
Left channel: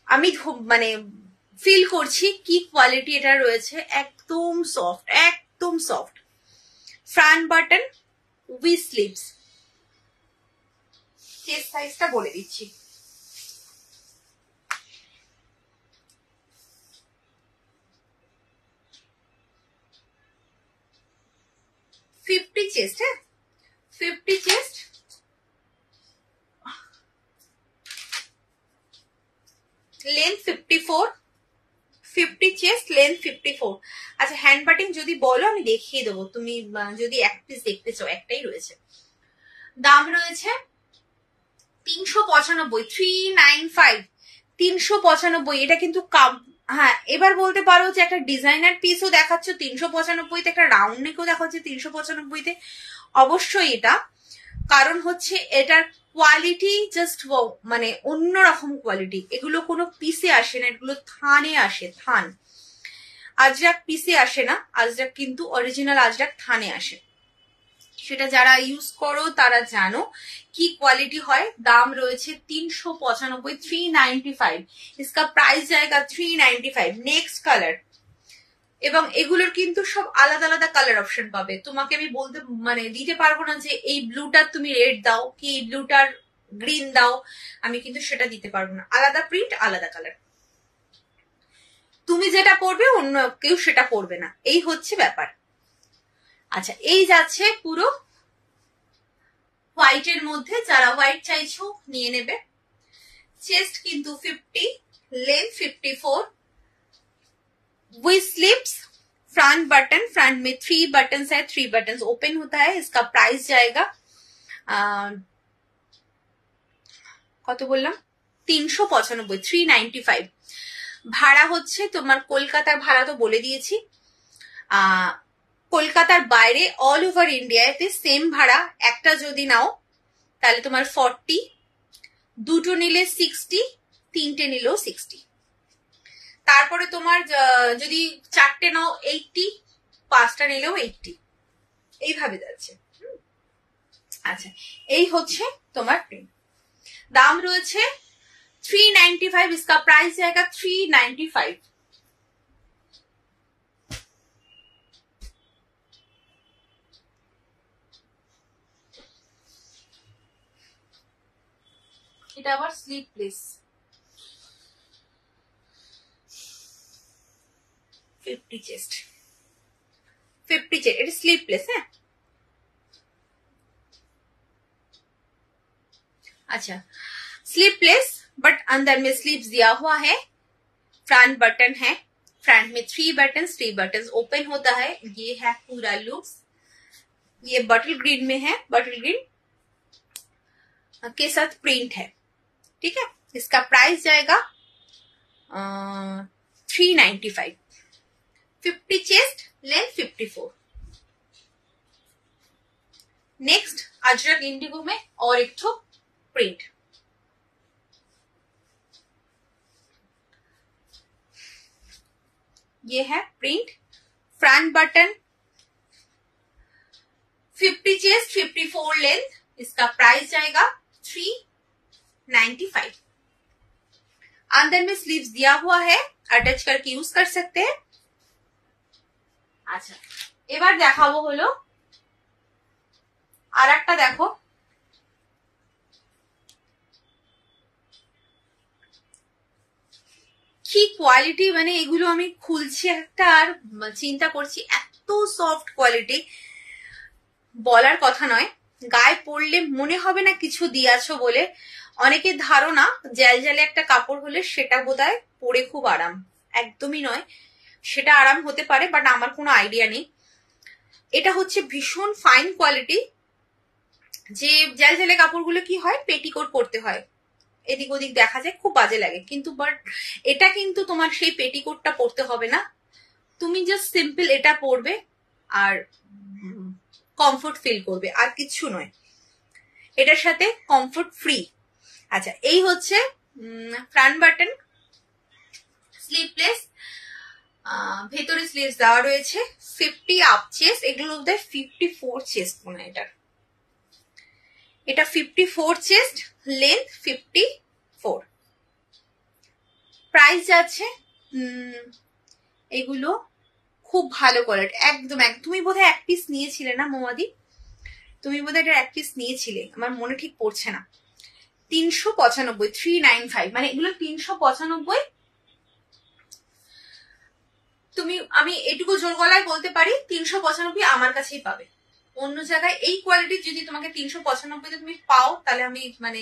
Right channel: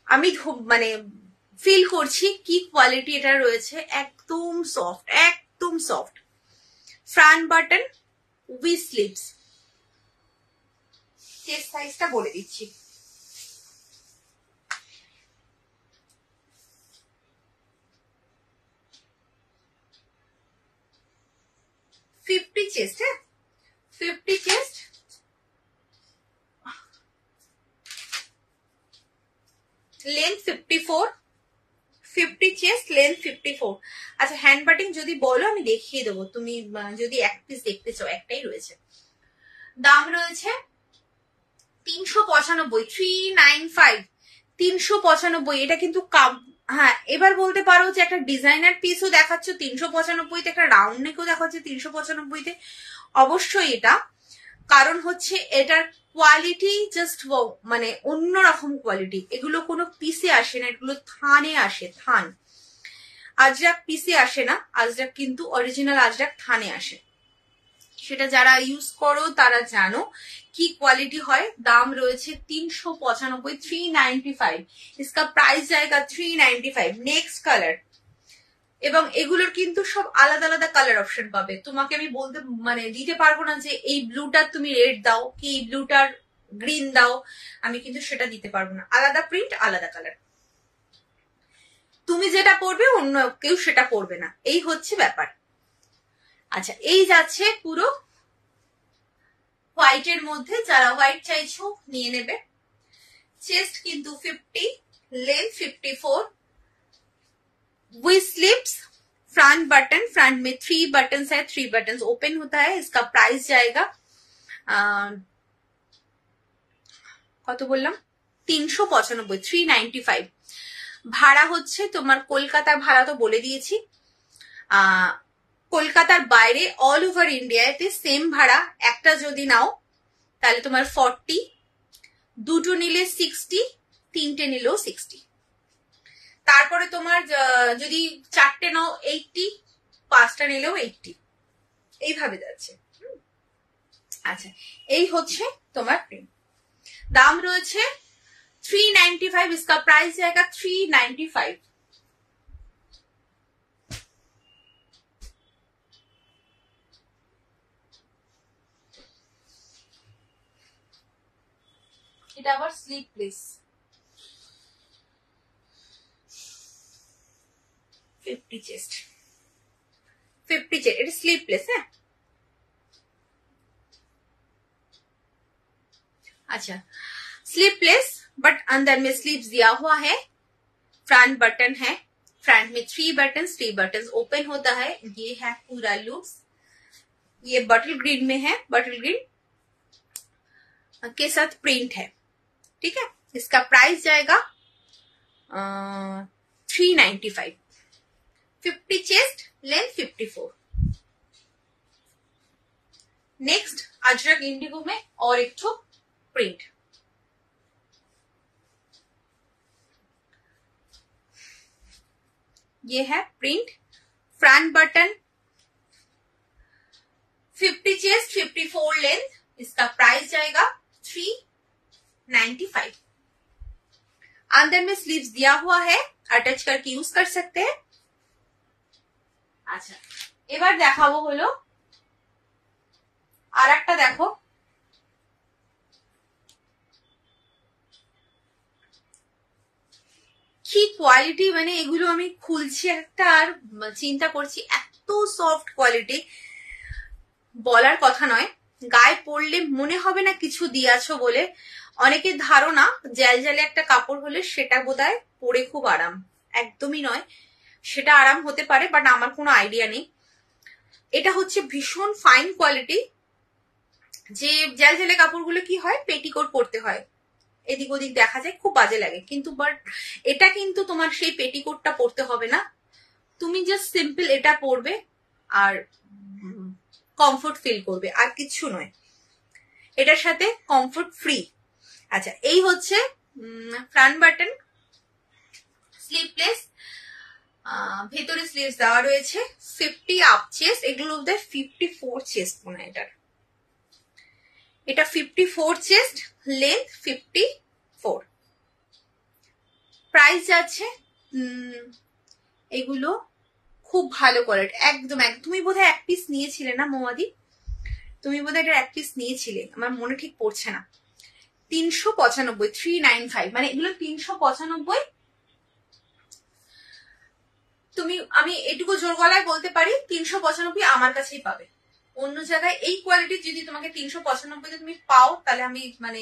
আমি মানে ফিল করছি কি কোয়ালিটি এটা রয়েছে, একদম সফট, একদম soft. Front button with sleeves. Chest সাইজটা বলে দিচ্ছি, চেস্ট, হ্যাঁ 50 চেস্ট, লেন্থ 54, 50 চেস্ট, লেন্থ 54। আচ্ছা, হ্যান্ড বাটিং যদি বলো আমি দেখিয়ে দেবো, তুমি যদি এক পিস দেখতে চাও, একটাই রয়েছে। দাম রয়েছে 395, 395, 395। এটা কিন্তু হ্যাঁ, এবার বলতে পারো যে একটা ডিজাইনার পিসও দেখাচ্ছ 395-তে, একটা রাউন্ড নেকও দেখাচ্ছে 395-তে। অবশ্যই এটা, কারণ হচ্ছে এটার কোয়ালিটি জাস্ট মানে অন্যরকম কোয়ালিটি। এগুলো কোনো পিসে আসে না, এগুলো থানে আসে, থান। আজরাক পিসে আসে না, আজরাক কিন্তু অরিজিনাল আজরাক থানে আসে। সেটা যারা ইউজ করো তারা জানো কি কোয়ালিটি হয়। দাম রয়েছে 395, 395। इसका প্রাইস জায়গা 395। নেক্সট কালার, এবং এগুলোর কিন্তু সব আলাদা আলাদা কালার অপশন পাবে। তোমাকে আমি বলতে মানে দিতে পারবো না যে এই ব্লুটার তুমি রেড দাও, কি এই ব্লুটার গ্রিন দাও, আমি কিন্তু সেটা দিতে পারবো না। আলাদা প্রিন্ট, আলাদা কালার, তুমি যেটা পরবে অন্য কেউ সেটা পরবে না, এই হচ্ছে ব্যাপার। আচ্ছা, এই যাচ্ছে পুরো হোয়াইটের মধ্যে, যারা হোয়াইট চাইছো নিয়ে নেবে। চেস্ট কিন্তু 50, length 54, with slips. Front button, front में 3 बटन है, 3 बटन ओपन होता है। इसका प्राइस जाएगा কত বললাম, 395, 395। ভাড়া হচ্ছে তোমার কলকাতার ভাড়া তো বলে দিয়েছি। কলকাতার বাইরে অল ওভার ইন্ডিয়াতে সেম ভাড়া। একটা যদি নাও তাহলে তোমার 40, দুটো নিলে 60, তিনটে নিলেও 60। তারপরে তোমার যদি চারটে নাও 80, পাঁচটা নিলেও 80, এইভাবে যাচ্ছে। আচ্ছা, এই হচ্ছে তোমার প্রিন্ট। দাম রয়েছে 395, इसका प्राइस जाएगा 395। এটা আবার স্লিপলেস, 50 চেস্ট, 50 চেস্ট, এটা স্লিপলেস। হ্যাঁ, अच्छा स्लीपलेस बट अंदर में स्लीव्स दिया हुआ है। फ्रंट बटन है, फ्रंट में 3 बटन, 3 बटन ओपन होता है। ये है पूरा लुक्स। ये बटल ग्रीन में है, बटल ग्रीन के साथ प्रिंट है, ठीक है। इसका प्राइस जाएगा 395। 50 chest, length 54। Next Ajrak Indigo में और एक ठो प्रिंट। ये है print. Front button, 50 chest, 54 length. इसका प्राइस जाएगा 395। अंदर में स्लीव्स दिया हुआ है, अटैच करके यूज कर सकते हैं। अच्छा, এবার দেখাবো হলো আর একটা, দেখো কি কোয়ালিটি, মানে এগুলো আমি খুলছি একটা আর চিন্তা করছি, এত সফট কোয়ালিটি বলার কথা নয়। গায়ে পরলে মনে হবে না কিছু দিয়েছো বলে। অনেকের ধারণা জ্যালজ্যালে একটা কাপড় হলে সেটা বোধহয় পরে খুব আরাম, একদমই নয়। সেটা আরাম হতে পারে, বাট আমার কোনো আইডিয়া নেই। এটা হচ্ছে ভীষণ ফাইন কোয়ালিটি। যে জ্যালজ্যালে কাপড়গুলো কি হয়, পেটিকোট পরতে হয়, এদিক ওদিক দেখা যায়, খুব বাজে লাগে। কিন্তু বাট এটা কিন্তু তোমার সেই পেটিকোটটা পরতে হবে না, তুমি জাস্ট সিম্পল এটা পরবে, আর কমফোর্ট ফিল করবে, আর কিছু নয়। এটার সাথে কমফোর্ট ফ্রি। আচ্ছা, এই হচ্ছে ফ্রন্ট বাটন, স্লিভলেস, ভেতরে স্লিভস দেওয়া রয়েছে, 50 আপ চেস্ট, এগুলো 54 চেস্ট মনে হয় এটার, এটা 54 চেস্ট, লেন্থ 54। প্রাইস আছে এগুলো খুব ভালো কোয়ালিটি, একদম তুমি বোধহয় এক পিস নিয়েছিলে না মৌমাদি, তুমি বোধহয় এটা এক পিস নিয়েছিলে, আমার মনে ঠিক পড়ছে না। 395, 395, মানে এগুলো 395। তুমি, আমি এটুকু জোর গলায় বলতে পারি 395 আমার কাছেই পাবে। অন্য জায়গায় এই কোয়ালিটির যদি তোমাকে 395 তুমি পাও, তাহলে আমি মানে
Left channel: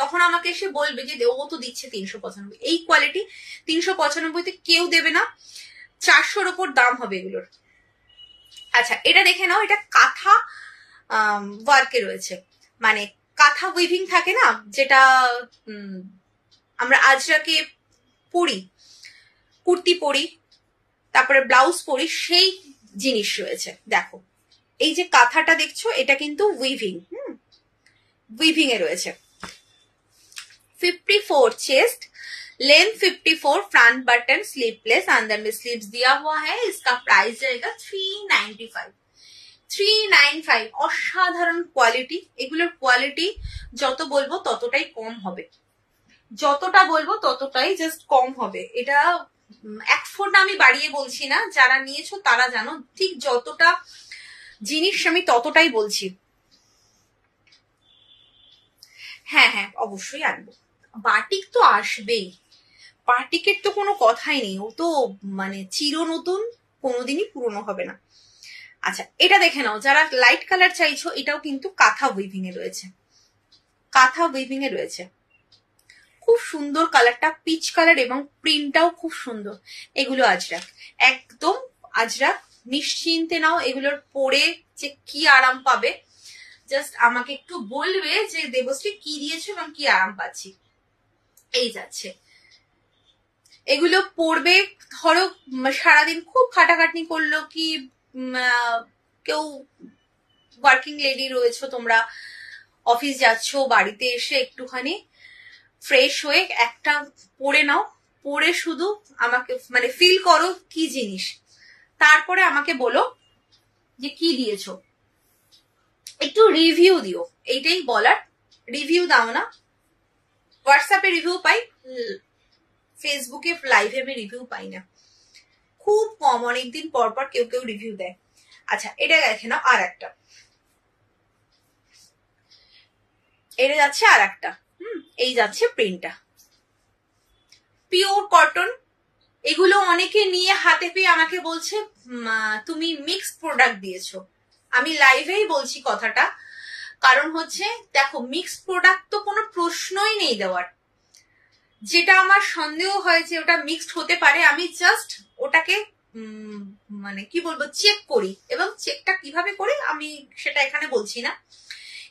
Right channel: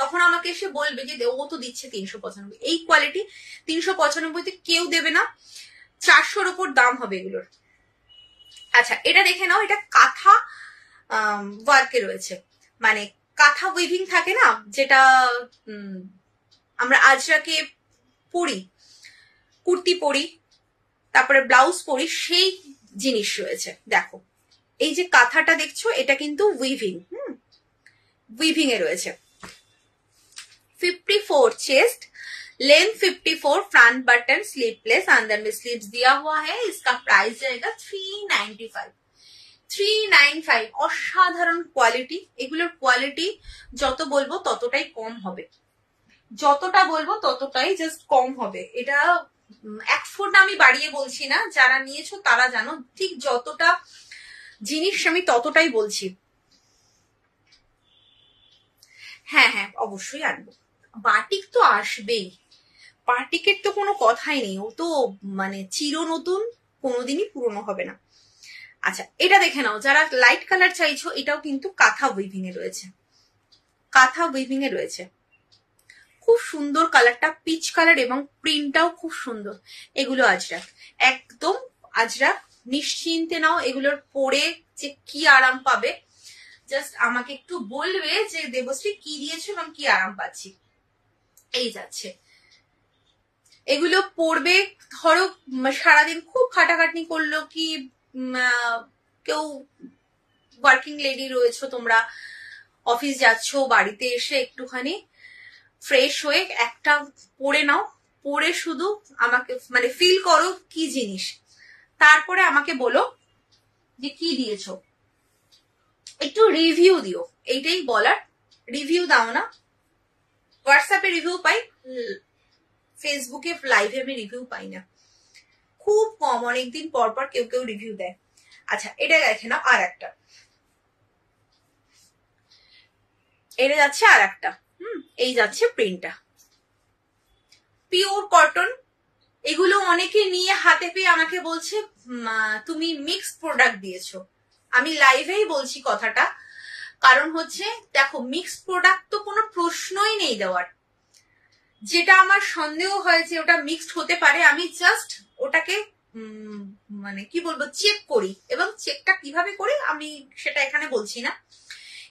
তখন আমাকে এসে বলবে যে ও তো দিচ্ছে 395। এই কোয়ালিটি 395 কেউ দেবে না, 400-র উপর দাম হবে এগুলোর। আচ্ছা, এটা দেখে নাও, এটা কাঁথা ওয়ার্কে রয়েছে, মানে কাঁথা উইভিং থাকে না, যেটা আমরা আজরাকে পরি, কুর্তি পরি, তারপরে ব্লাউজ পরি, সেই জিনিস রয়েছে। দেখো এই যে কাঁথাটা দেখছো, এটা কিন্তু উইভিং, উইভিং এ রয়েছে। 54 chest, length 54, front button sleeveless, अंदर में स्लीव्स दिया हुआ है। इसका प्राइस जाएगा 395। 395 অসাধারণ কোয়ালিটি। এগুলোর কোয়ালিটি যত বলবো ততটাই কম হবে, যতটা বলবো ততটাই জাস্ট কম হবে। এটা এক ফোঁটা আমি বাড়িয়ে বলছি না, যারা নিয়েছো তারা জানো ঠিক যতটা জিনিস আমি ততটাই বলছি। হ্যাঁ হ্যাঁ, অবশ্যই আনবো, বাটিক তো আসবেই, বাটিকের তো কোনো কথাই নেই, ও তো মানে চির নতুন, কোনোদিনই পুরনো হবে না। আচ্ছা, এটা দেখে নাও, যারা লাইট কালার চাইছো, এটাও কিন্তু কাঁথা উইভিং এ রয়েছে, কাঁথা উইভিং এ রয়েছে, খুব সুন্দর কালারটা, পিচ কালার, এবং প্রিন্টটাও খুব সুন্দর। এগুলো আজরাক, একদম আজরাক, নিশ্চিন্তে নাও, এগুলোর পরে যে কি আরাম পাবে, জাস্ট আমাকে একটু বলবে যে দেবশ্রী কি দিয়েছো এবং কি আরাম পাচ্ছি। এই যাচ্ছে, এগুলো পরবে, ধরো সারাদিন খুব খাটাখাটনি করলো, কি কেউ ওয়ার্কিং লেডি রয়েছো তোমরা, অফিস যাচ্ছ, বাড়িতে এসে একটুখানি ফ্রেশ হয়ে একটা পরে নাও, পরে শুধু আমাকে মানে ফিল করো কি জিনিস, তারপরে আমাকে বলো যে কি দিয়েছো, একটু রিভিউ দিও, এইটাই বলার। রিভিউ দাও না, হোয়াটসঅ্যাপে রিভিউ পাই, ফেসবুকে লাইভে আমি রিভিউ পাই না, খুব কম, অনেকদিন পর পর কেউ কেউ রিভিউ দেয়। আচ্ছা, এটা দেখে নাও, আর একটা, এটা যাচ্ছে আর একটা, এই যাচ্ছে প্রিন্টটা, পিওর কটন। এগুলো অনেকে নিয়ে হাতে পেয়ে আমাকে বলছে তুমি মিক্সড প্রোডাক্ট দিয়েছো। আমি লাইভেই বলছি কথাটা, কারণ হচ্ছে দেখো মিক্সড প্রোডাক্ট তো কোনো প্রশ্নই নেই দেওয়ার। যেটা আমার সন্দেহ হয়েছে ওটা মিক্সড হতে পারে, আমি জাস্ট ওটাকে মানে কি বলবো চেক করি, এবং চেকটা কিভাবে করি আমি সেটা এখানে বলছি না।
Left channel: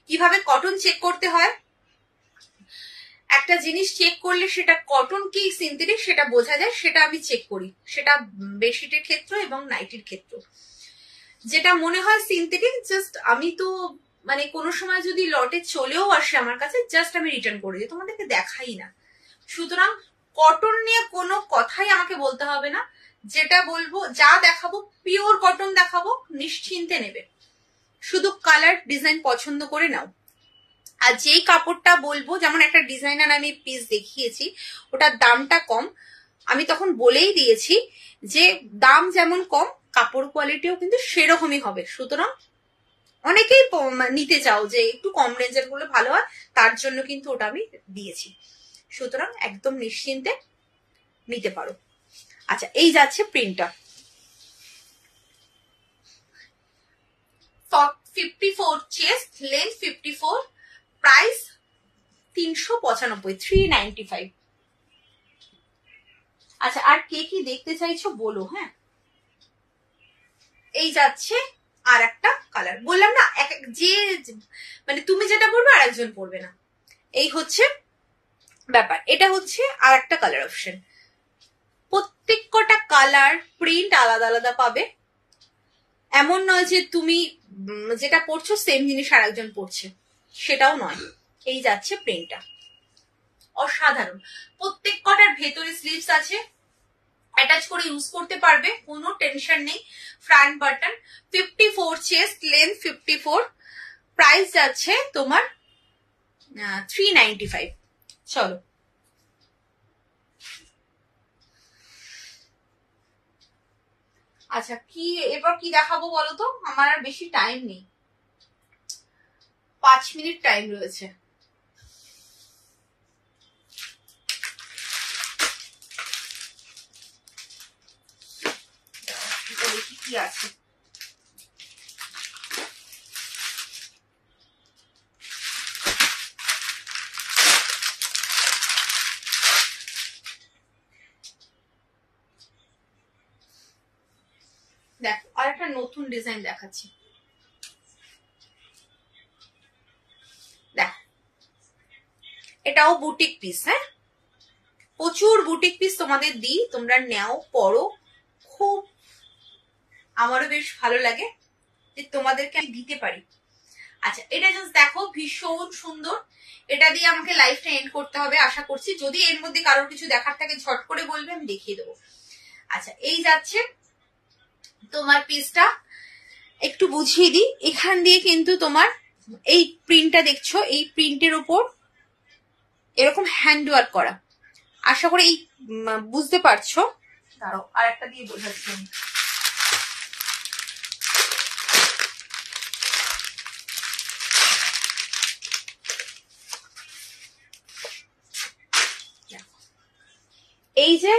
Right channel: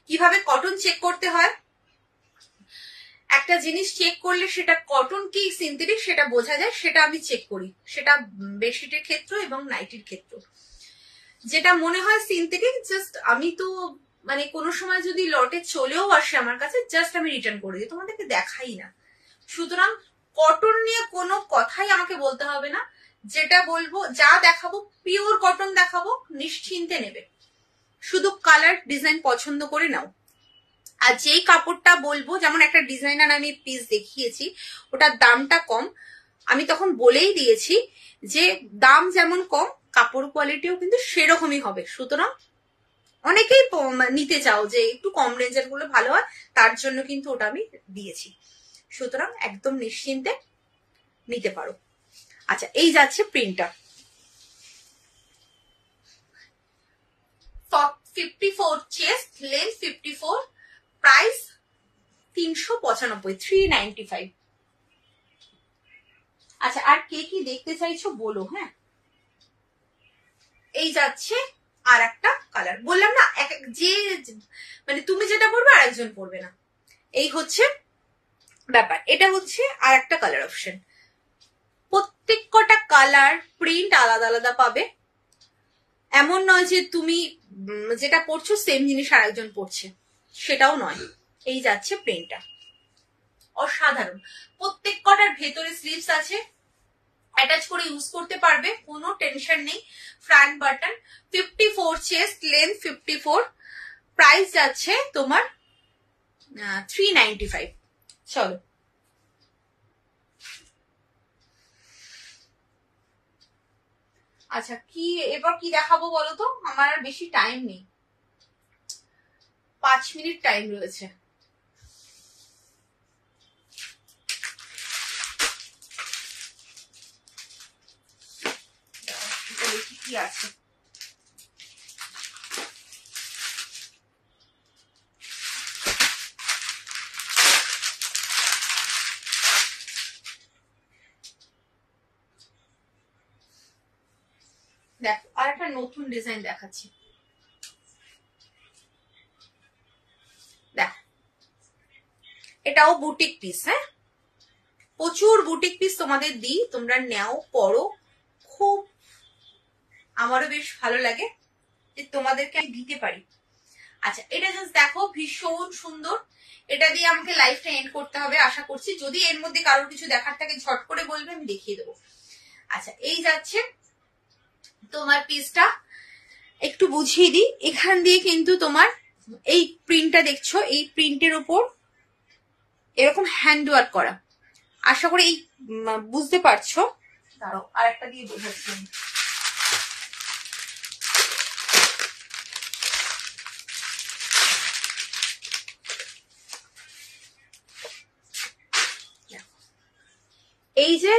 কিভাবে কটন চেক করতে হয়, একটা জিনিস চেক করলে সেটা কটন কি সিনথেটিক সেটা বোঝা যায়, সেটা আমি চেক করি, সেটা বেডশিটের ক্ষেত্রে এবং নাইটির ক্ষেত্রে। যেটা মনে হয় সিনথেটিক, জাস্ট আমি তো মানে কোনো সময় যদি লটে চলেও আসে আমার কাছে, জাস্ট আমি রিটার্ন করে দিই, তোমাদেরকে দেখাই না। সুতরাং কটন নিয়ে কোনো কথাই আমাকে বলতে হবে না, যেটা বলবো যা দেখাবো পিওর কটন দেখাবো, নিশ্চিন্তে নেবে, শুধু কালার ডিজাইন পছন্দ করে নাও। আর যেই কাপড়টা বলবো, যেমন একটা ডিজাইনার আমি পিস দেখিয়েছি, ওটার দামটা কম, আমি তখন বলেই দিয়েছি যে দাম যেমন কম, কাপড় কোয়ালিটিও কিন্তু সেরকমই হবে। সুতরাং অনেকেই নিতে চাও যে একটু কম রেঞ্জের গুলো ভালো হয়, তার জন্য কিন্তু ওটা আমি দিয়েছি। সুতরাং একদম নিশ্চিন্তে নিতে পারো। আচ্ছা, এই যাচ্ছে প্রিন্টটা, 54 চেস্ট, লেন্থ 54, প্রাইস 395, 395। আচ্ছা, আর কে কি দেখতে চাইছো বলো। হ্যাঁ, এই যাচ্ছে আর একটা কালার, বললাম না যে মানে তুমি যেটা পরবে আর একজন পরবে না, এই হচ্ছে ব্যাপার। এটা হচ্ছে আর একটা কালার অপশন, প্রত্যেক কটা কালার প্রিন্ট আলাদা আলাদা পাবে, এমন নয় যে তুমি যেটা পরছো সেম জিনিস আর একজন পরছে, সেটাও নয়। এই যাচ্ছে প্রিন্টটা, অসাধারণ। প্রত্যেক কটার ভেতরে স্লিভস আছে, অ্যাটাচ করে ইউজ করতে পারবে, কোনো টেনশন নেই। Front button, 54 chest, length 54, price যাচ্ছে তোমার 395। চলো আচ্ছা, কি এবার কি দেখাবো বলো তো, আমার আর বেশি টাইম নেই, 5 মিনিট টাইম রয়েছে। দেখি কি আছে। দেখো আর একটা নতুন ডিজাইন দেখাচ্ছি, দেখো এটাও বুটিক পিস। হ্যাঁ, প্রচুর বুটিক পিস তোমাদের দিই, তোমরা নেও, পরো, খুব আমারও বেশ ভালো লাগে যে তোমাদেরকে আমি দিতে পারি। আচ্ছা, এটা জাস্ট দেখো, ভীষণ সুন্দর। এটা দিয়ে আমাকে লাইফটা এন্ড করতে হবে আশা করছি। যদি এর মধ্যে কারোর কিছু দেখার থাকে ঝট করে বলবে, আমি দেখিয়ে দেবো। আচ্ছা, এই যাচ্ছে তোমার পিসটা, একটু বুঝিয়ে দিই। এখান দিয়ে কিন্তু তোমার এই প্রিন্টটা দেখছো, এই প্রিন্টের উপর এরকম হ্যান্ড ওয়ার্ক করা, আশা করি এই বুঝতে পারছো। দাঁড়াও আর একটা দিয়ে বোঝাচ্ছি আমি। এই যে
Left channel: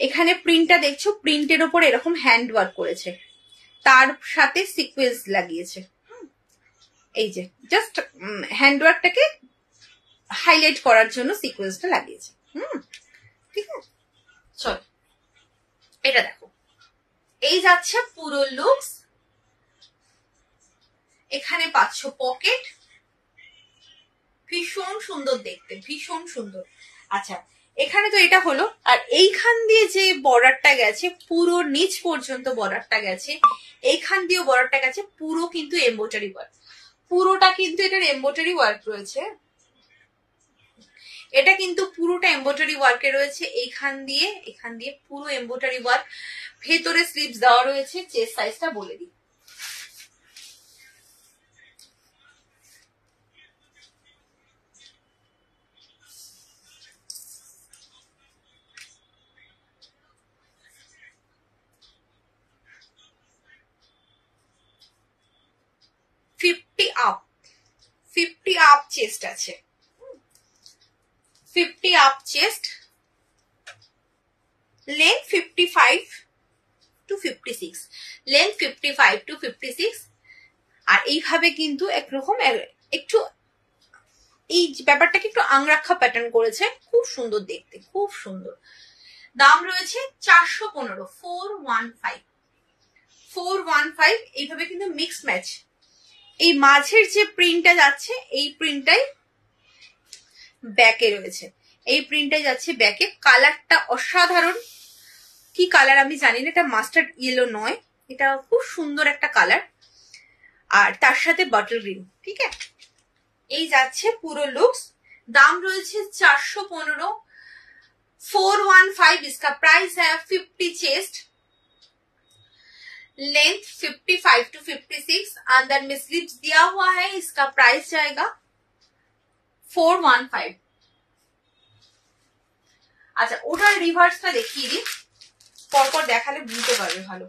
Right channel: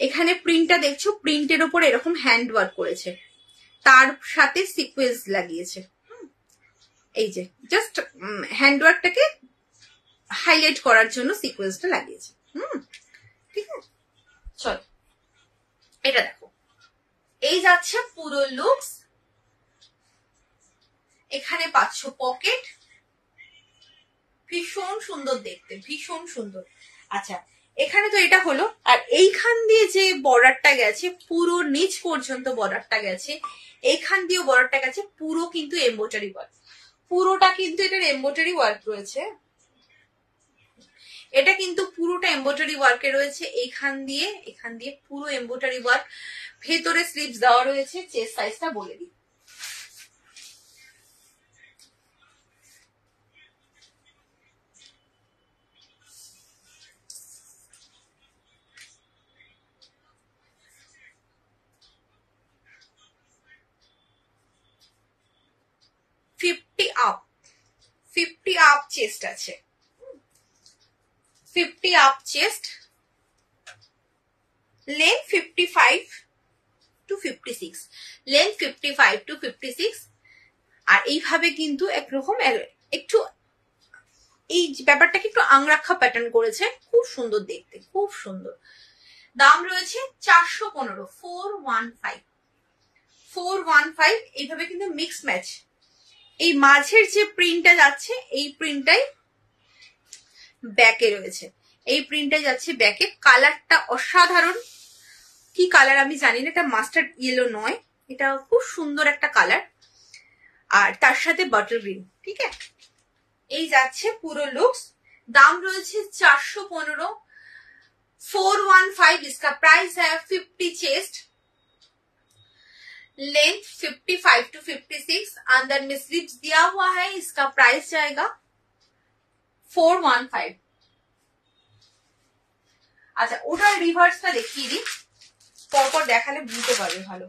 এখানে প্রিন্টটা দেখছো, প্রিন্টের ওপর এরকম হ্যান্ড ওয়ার্ক করেছে, তার সাথে সিকোয়েন্স লাগিয়েছে। এই যে জাস্ট হ্যান্ড ওয়ার্কটাকে হাইলাইট করার জন্য সিকোয়েন্সটা লাগিয়েছে। ঠিক আছে, চল এটা দেখো, এই যাচ্ছে পুরো লুকস। এখানে পাচ্ছ পকেট, ভীষণ সুন্দর দেখতে, ভীষণ সুন্দর। আচ্ছা, এখানে তো এটা হলো, আর এইখান দিয়ে যে বর্ডারটা গেছে, পুরো নিচ পর্যন্ত বর্ডারটা গেছে, এইখান দিয়েও বর্ডারটা গেছে, পুরো কিন্তু এমব্রয়ডারি ওয়ার্ক, পুরোটা কিন্তু এটার এমব্রয়ডারি ওয়ার্ক রয়েছে। এটা কিন্তু পুরোটা এমব্রয়ডারি ওয়ার্কে রয়েছে, এখান দিয়ে পুরো এমব্রয়ডারি ওয়ার্ক। ভেতরে স্লিভস দেওয়া রয়েছে, চেস্ট সাইজটা বলে দিই। ফিফটি আপ চেস্ট আছে, 50 up chest, length 55 to 56, length 55 to 56। আর এইভাবে কিন্তু একরকম একটু এই ব্যাপারটাকে একটু আংরাক্ষা প্যাটার্ন করেছে, খুব সুন্দর দেখতে, খুব সুন্দর। দাম রয়েছে 415, 415। এইভাবে কিন্তু মিক্স ম্যাচ, এই মাঝের যে প্রিন্টটা যাচ্ছে, এই প্রিন্টটাই ব্যাকে রয়েছে, এই প্রিন্টটাই যাচ্ছে ব্যাকে। কালারটা অসাধারণ, কি কালার আমি জানি না, এটা মাস্টার্ড ইয়েলো নয়, এটা খুব সুন্দর একটা কালার, আর তার সাথে বটল গ্রিন। ঠিক আছে, এই যাচ্ছে পুরো লুকস। দাম রয়েছে 415, 415। इसका प्राइस है 50 चेस्ट, लेंथ 55 to 56, अंदर में स्लीव्स दिया हुआ है। इसका प्राइस जाएगा 415। আচ্ছা, ওটার রিভার্সটা দেখিয়ে দিই, পরপর দেখালে বুঝতে পারবে ভালো।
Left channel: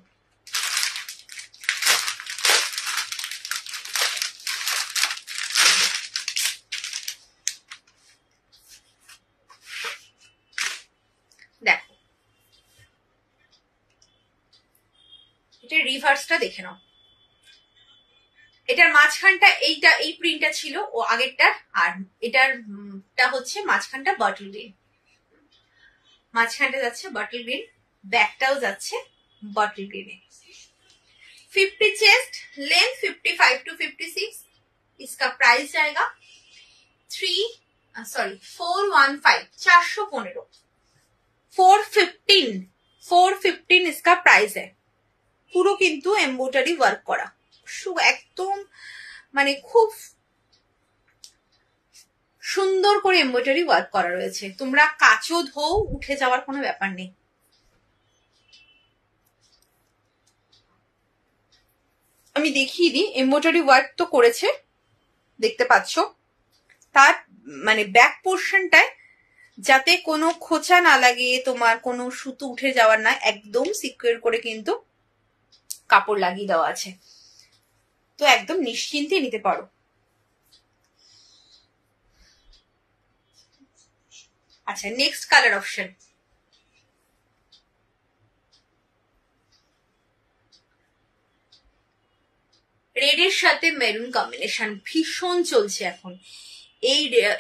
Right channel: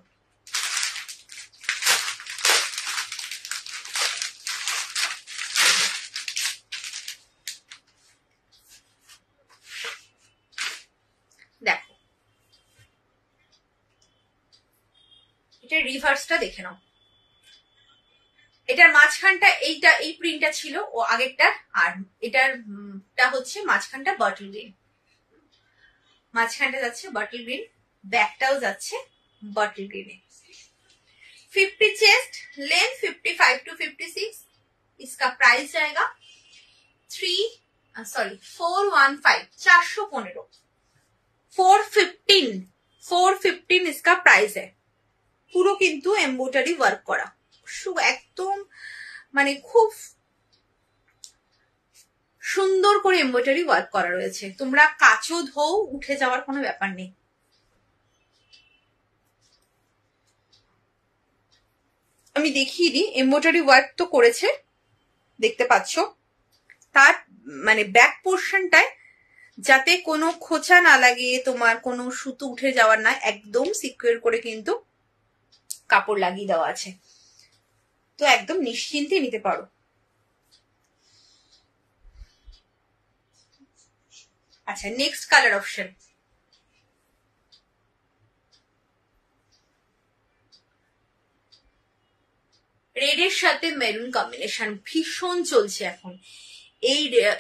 দেখো, এটা রিভার্সটা দেখে নাও। এটার মাঝখানটা এইটা, এই প্রিন্টটা ছিল ও আগেরটার, আর এটারটা হচ্ছে মাঝখানটা বটল গ্রিন, মাঝখানটা যাচ্ছে বটল গ্রিন, ব্যাকটাও যাচ্ছে বটল গ্রিনে। 50 chest, length 55 to 56। इसका प्राइस जाएगा 415, 415, 415 इसका प्राइस है। পুরো কিন্তু এমব্রয়ডারি ওয়ার্ক করা, একদম মানে খুব সুন্দর করে এমব্রয়ডারি ওয়ার্ক করা রয়েছে। তোমরা কাচো ধো উঠে যাওয়ার কোনো ব্যাপার নেই। আমি দেখিয়ে দিই, এমব্রয়ডারি ওয়ার্ক তো করেছে দেখতে পাচ্ছ, তার মানে ব্যাক পোর্শনটায় যাতে কোনো খোঁচা না লাগে, তোমার কোনো সুতো উঠে যাওয়ার না, একদম সিকিউর করে কিন্তু কাপড় লাগিয়ে দেওয়া আছে, তো একদম নিশ্চিন্তে নিতে পারো। আচ্ছা, নেক্সট কালার অপশন, রেড এর সাথে মেরুন কম্বিনেশন ভীষণ চলছে এখন।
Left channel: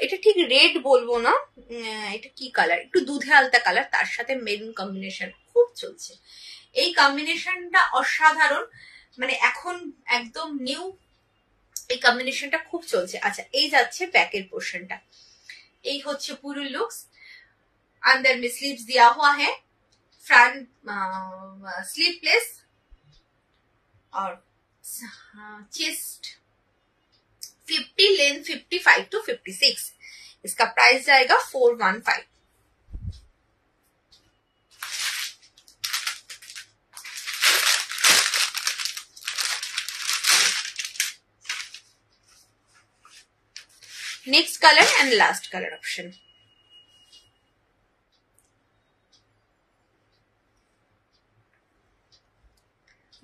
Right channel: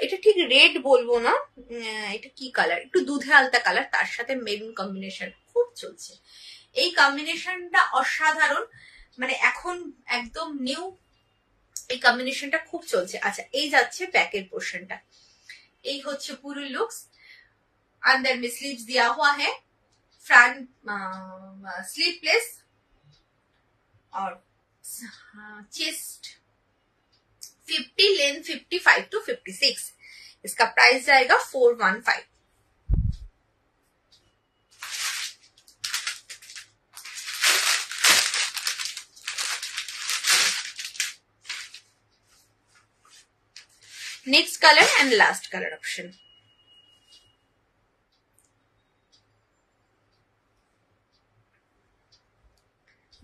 এটা ঠিক রেড বলবো না, এটা কি কালার, একটু দুধে আলতা কালার, তার সাথে মেরুন কম্বিনেশন খুব চলছে। এই কম্বিনেশনটা অসাধারণ, মানে এখন একদম নিউ, এই কম্বিনেশনটা খুব চলছে। আচ্ছা, এই যাচ্ছে ব্যাকের পোর্শনটা, এই হচ্ছে পুরো লুকস। अंदर में स्लीव्स दिया हुआ है, फ्रंट स्लीवलेस और चेस्ट 50, लेंथ 55 to 56। इसका प्राइस जाएगा 415। Next colour and last colour option,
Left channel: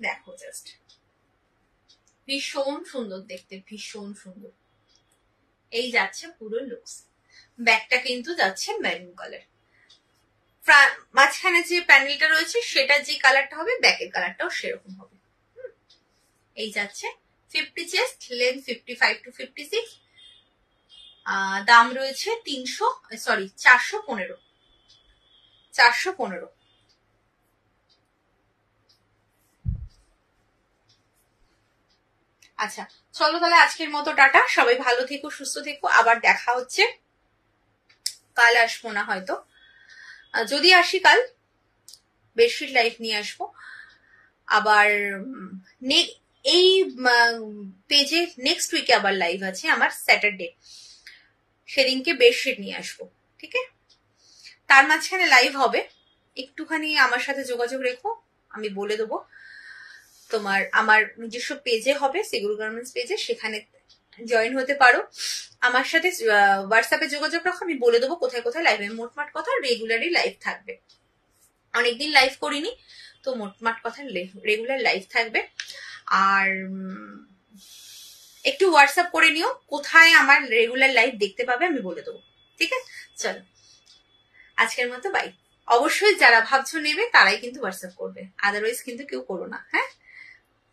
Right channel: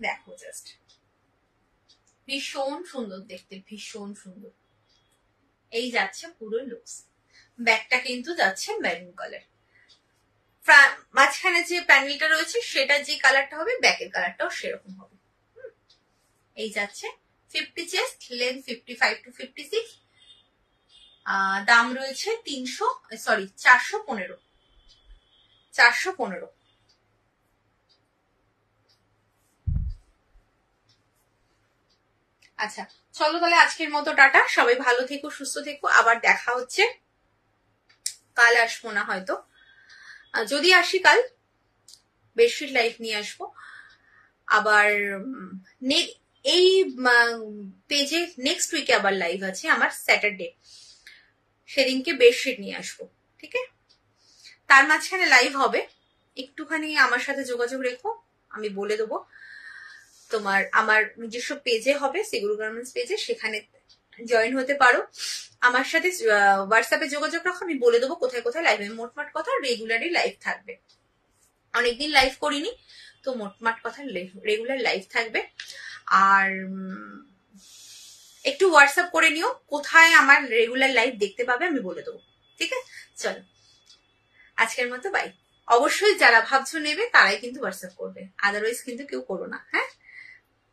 দেখো জাস্ট ভীষণ সুন্দর দেখতে, ভীষণ সুন্দর। এই যাচ্ছে পুরো লুকস, ব্যাকটা কিন্তু যাচ্ছে মেরুন কালার, মাঝখানে যে প্যানেলটা রয়েছে সেটা যে কালারটা হবে ব্যাকের কালারটাও সেরকম হবে। এই যাচ্ছে 50 চেস্ট, লেন্থ 55 to 56, দাম রয়েছে 415। আচ্ছা চলো তাহলে আজকের মতো টাটা, সবাই ভালো থেকো, সুস্থ থেকো, আবার দেখা হচ্ছে। কাল আসবো না হয়তো, যদি আসি কাল বেডশিট লাইভ নিয়ে আসবো। আবার এই পেজে নেক্সট উইকে আবার লাইভ আছে আমার স্যাটারডে, সেদিনকে বেডশিট নিয়ে আসবো, ঠিক আছে? তার মাঝখানে লাইভ হবে, একটুখানি আমার সাথে যোগাযোগ রেখো, আমি বলে দেবো। তোমার আমার নিজস্ব পেজে হবে, সিগুরু গার্মেন্টস পেজে, সেখানে জয়েন হতে পারো। আমার সাথে হোয়াটসঅ্যাপে যোগাযোগ রাখো, আমি বলে দেবো কোথায় কোথায় লাইভ, মোটমাট কথা রেগুলারই লাইভ থাকবে। অনেকদিন লাইভ করিনি, তো মোটমাট কথা রেগুলার লাইভ থাকবে। আর একটু হোয়াটসঅ্যাপ করে নিও কোথায় আমার রেগুলার লাইভ দেখতে পাবে, আমি বলে দেবো, ঠিক আছে? চলো আজকের মতো বাই। অবশ্যই যারা ভাবছো নেবে তারাই কিন্তু হোয়াটসঅ্যাপ করবে, আদারওয়াইজ কিন্তু কেউ করো না, হ্যাঁ?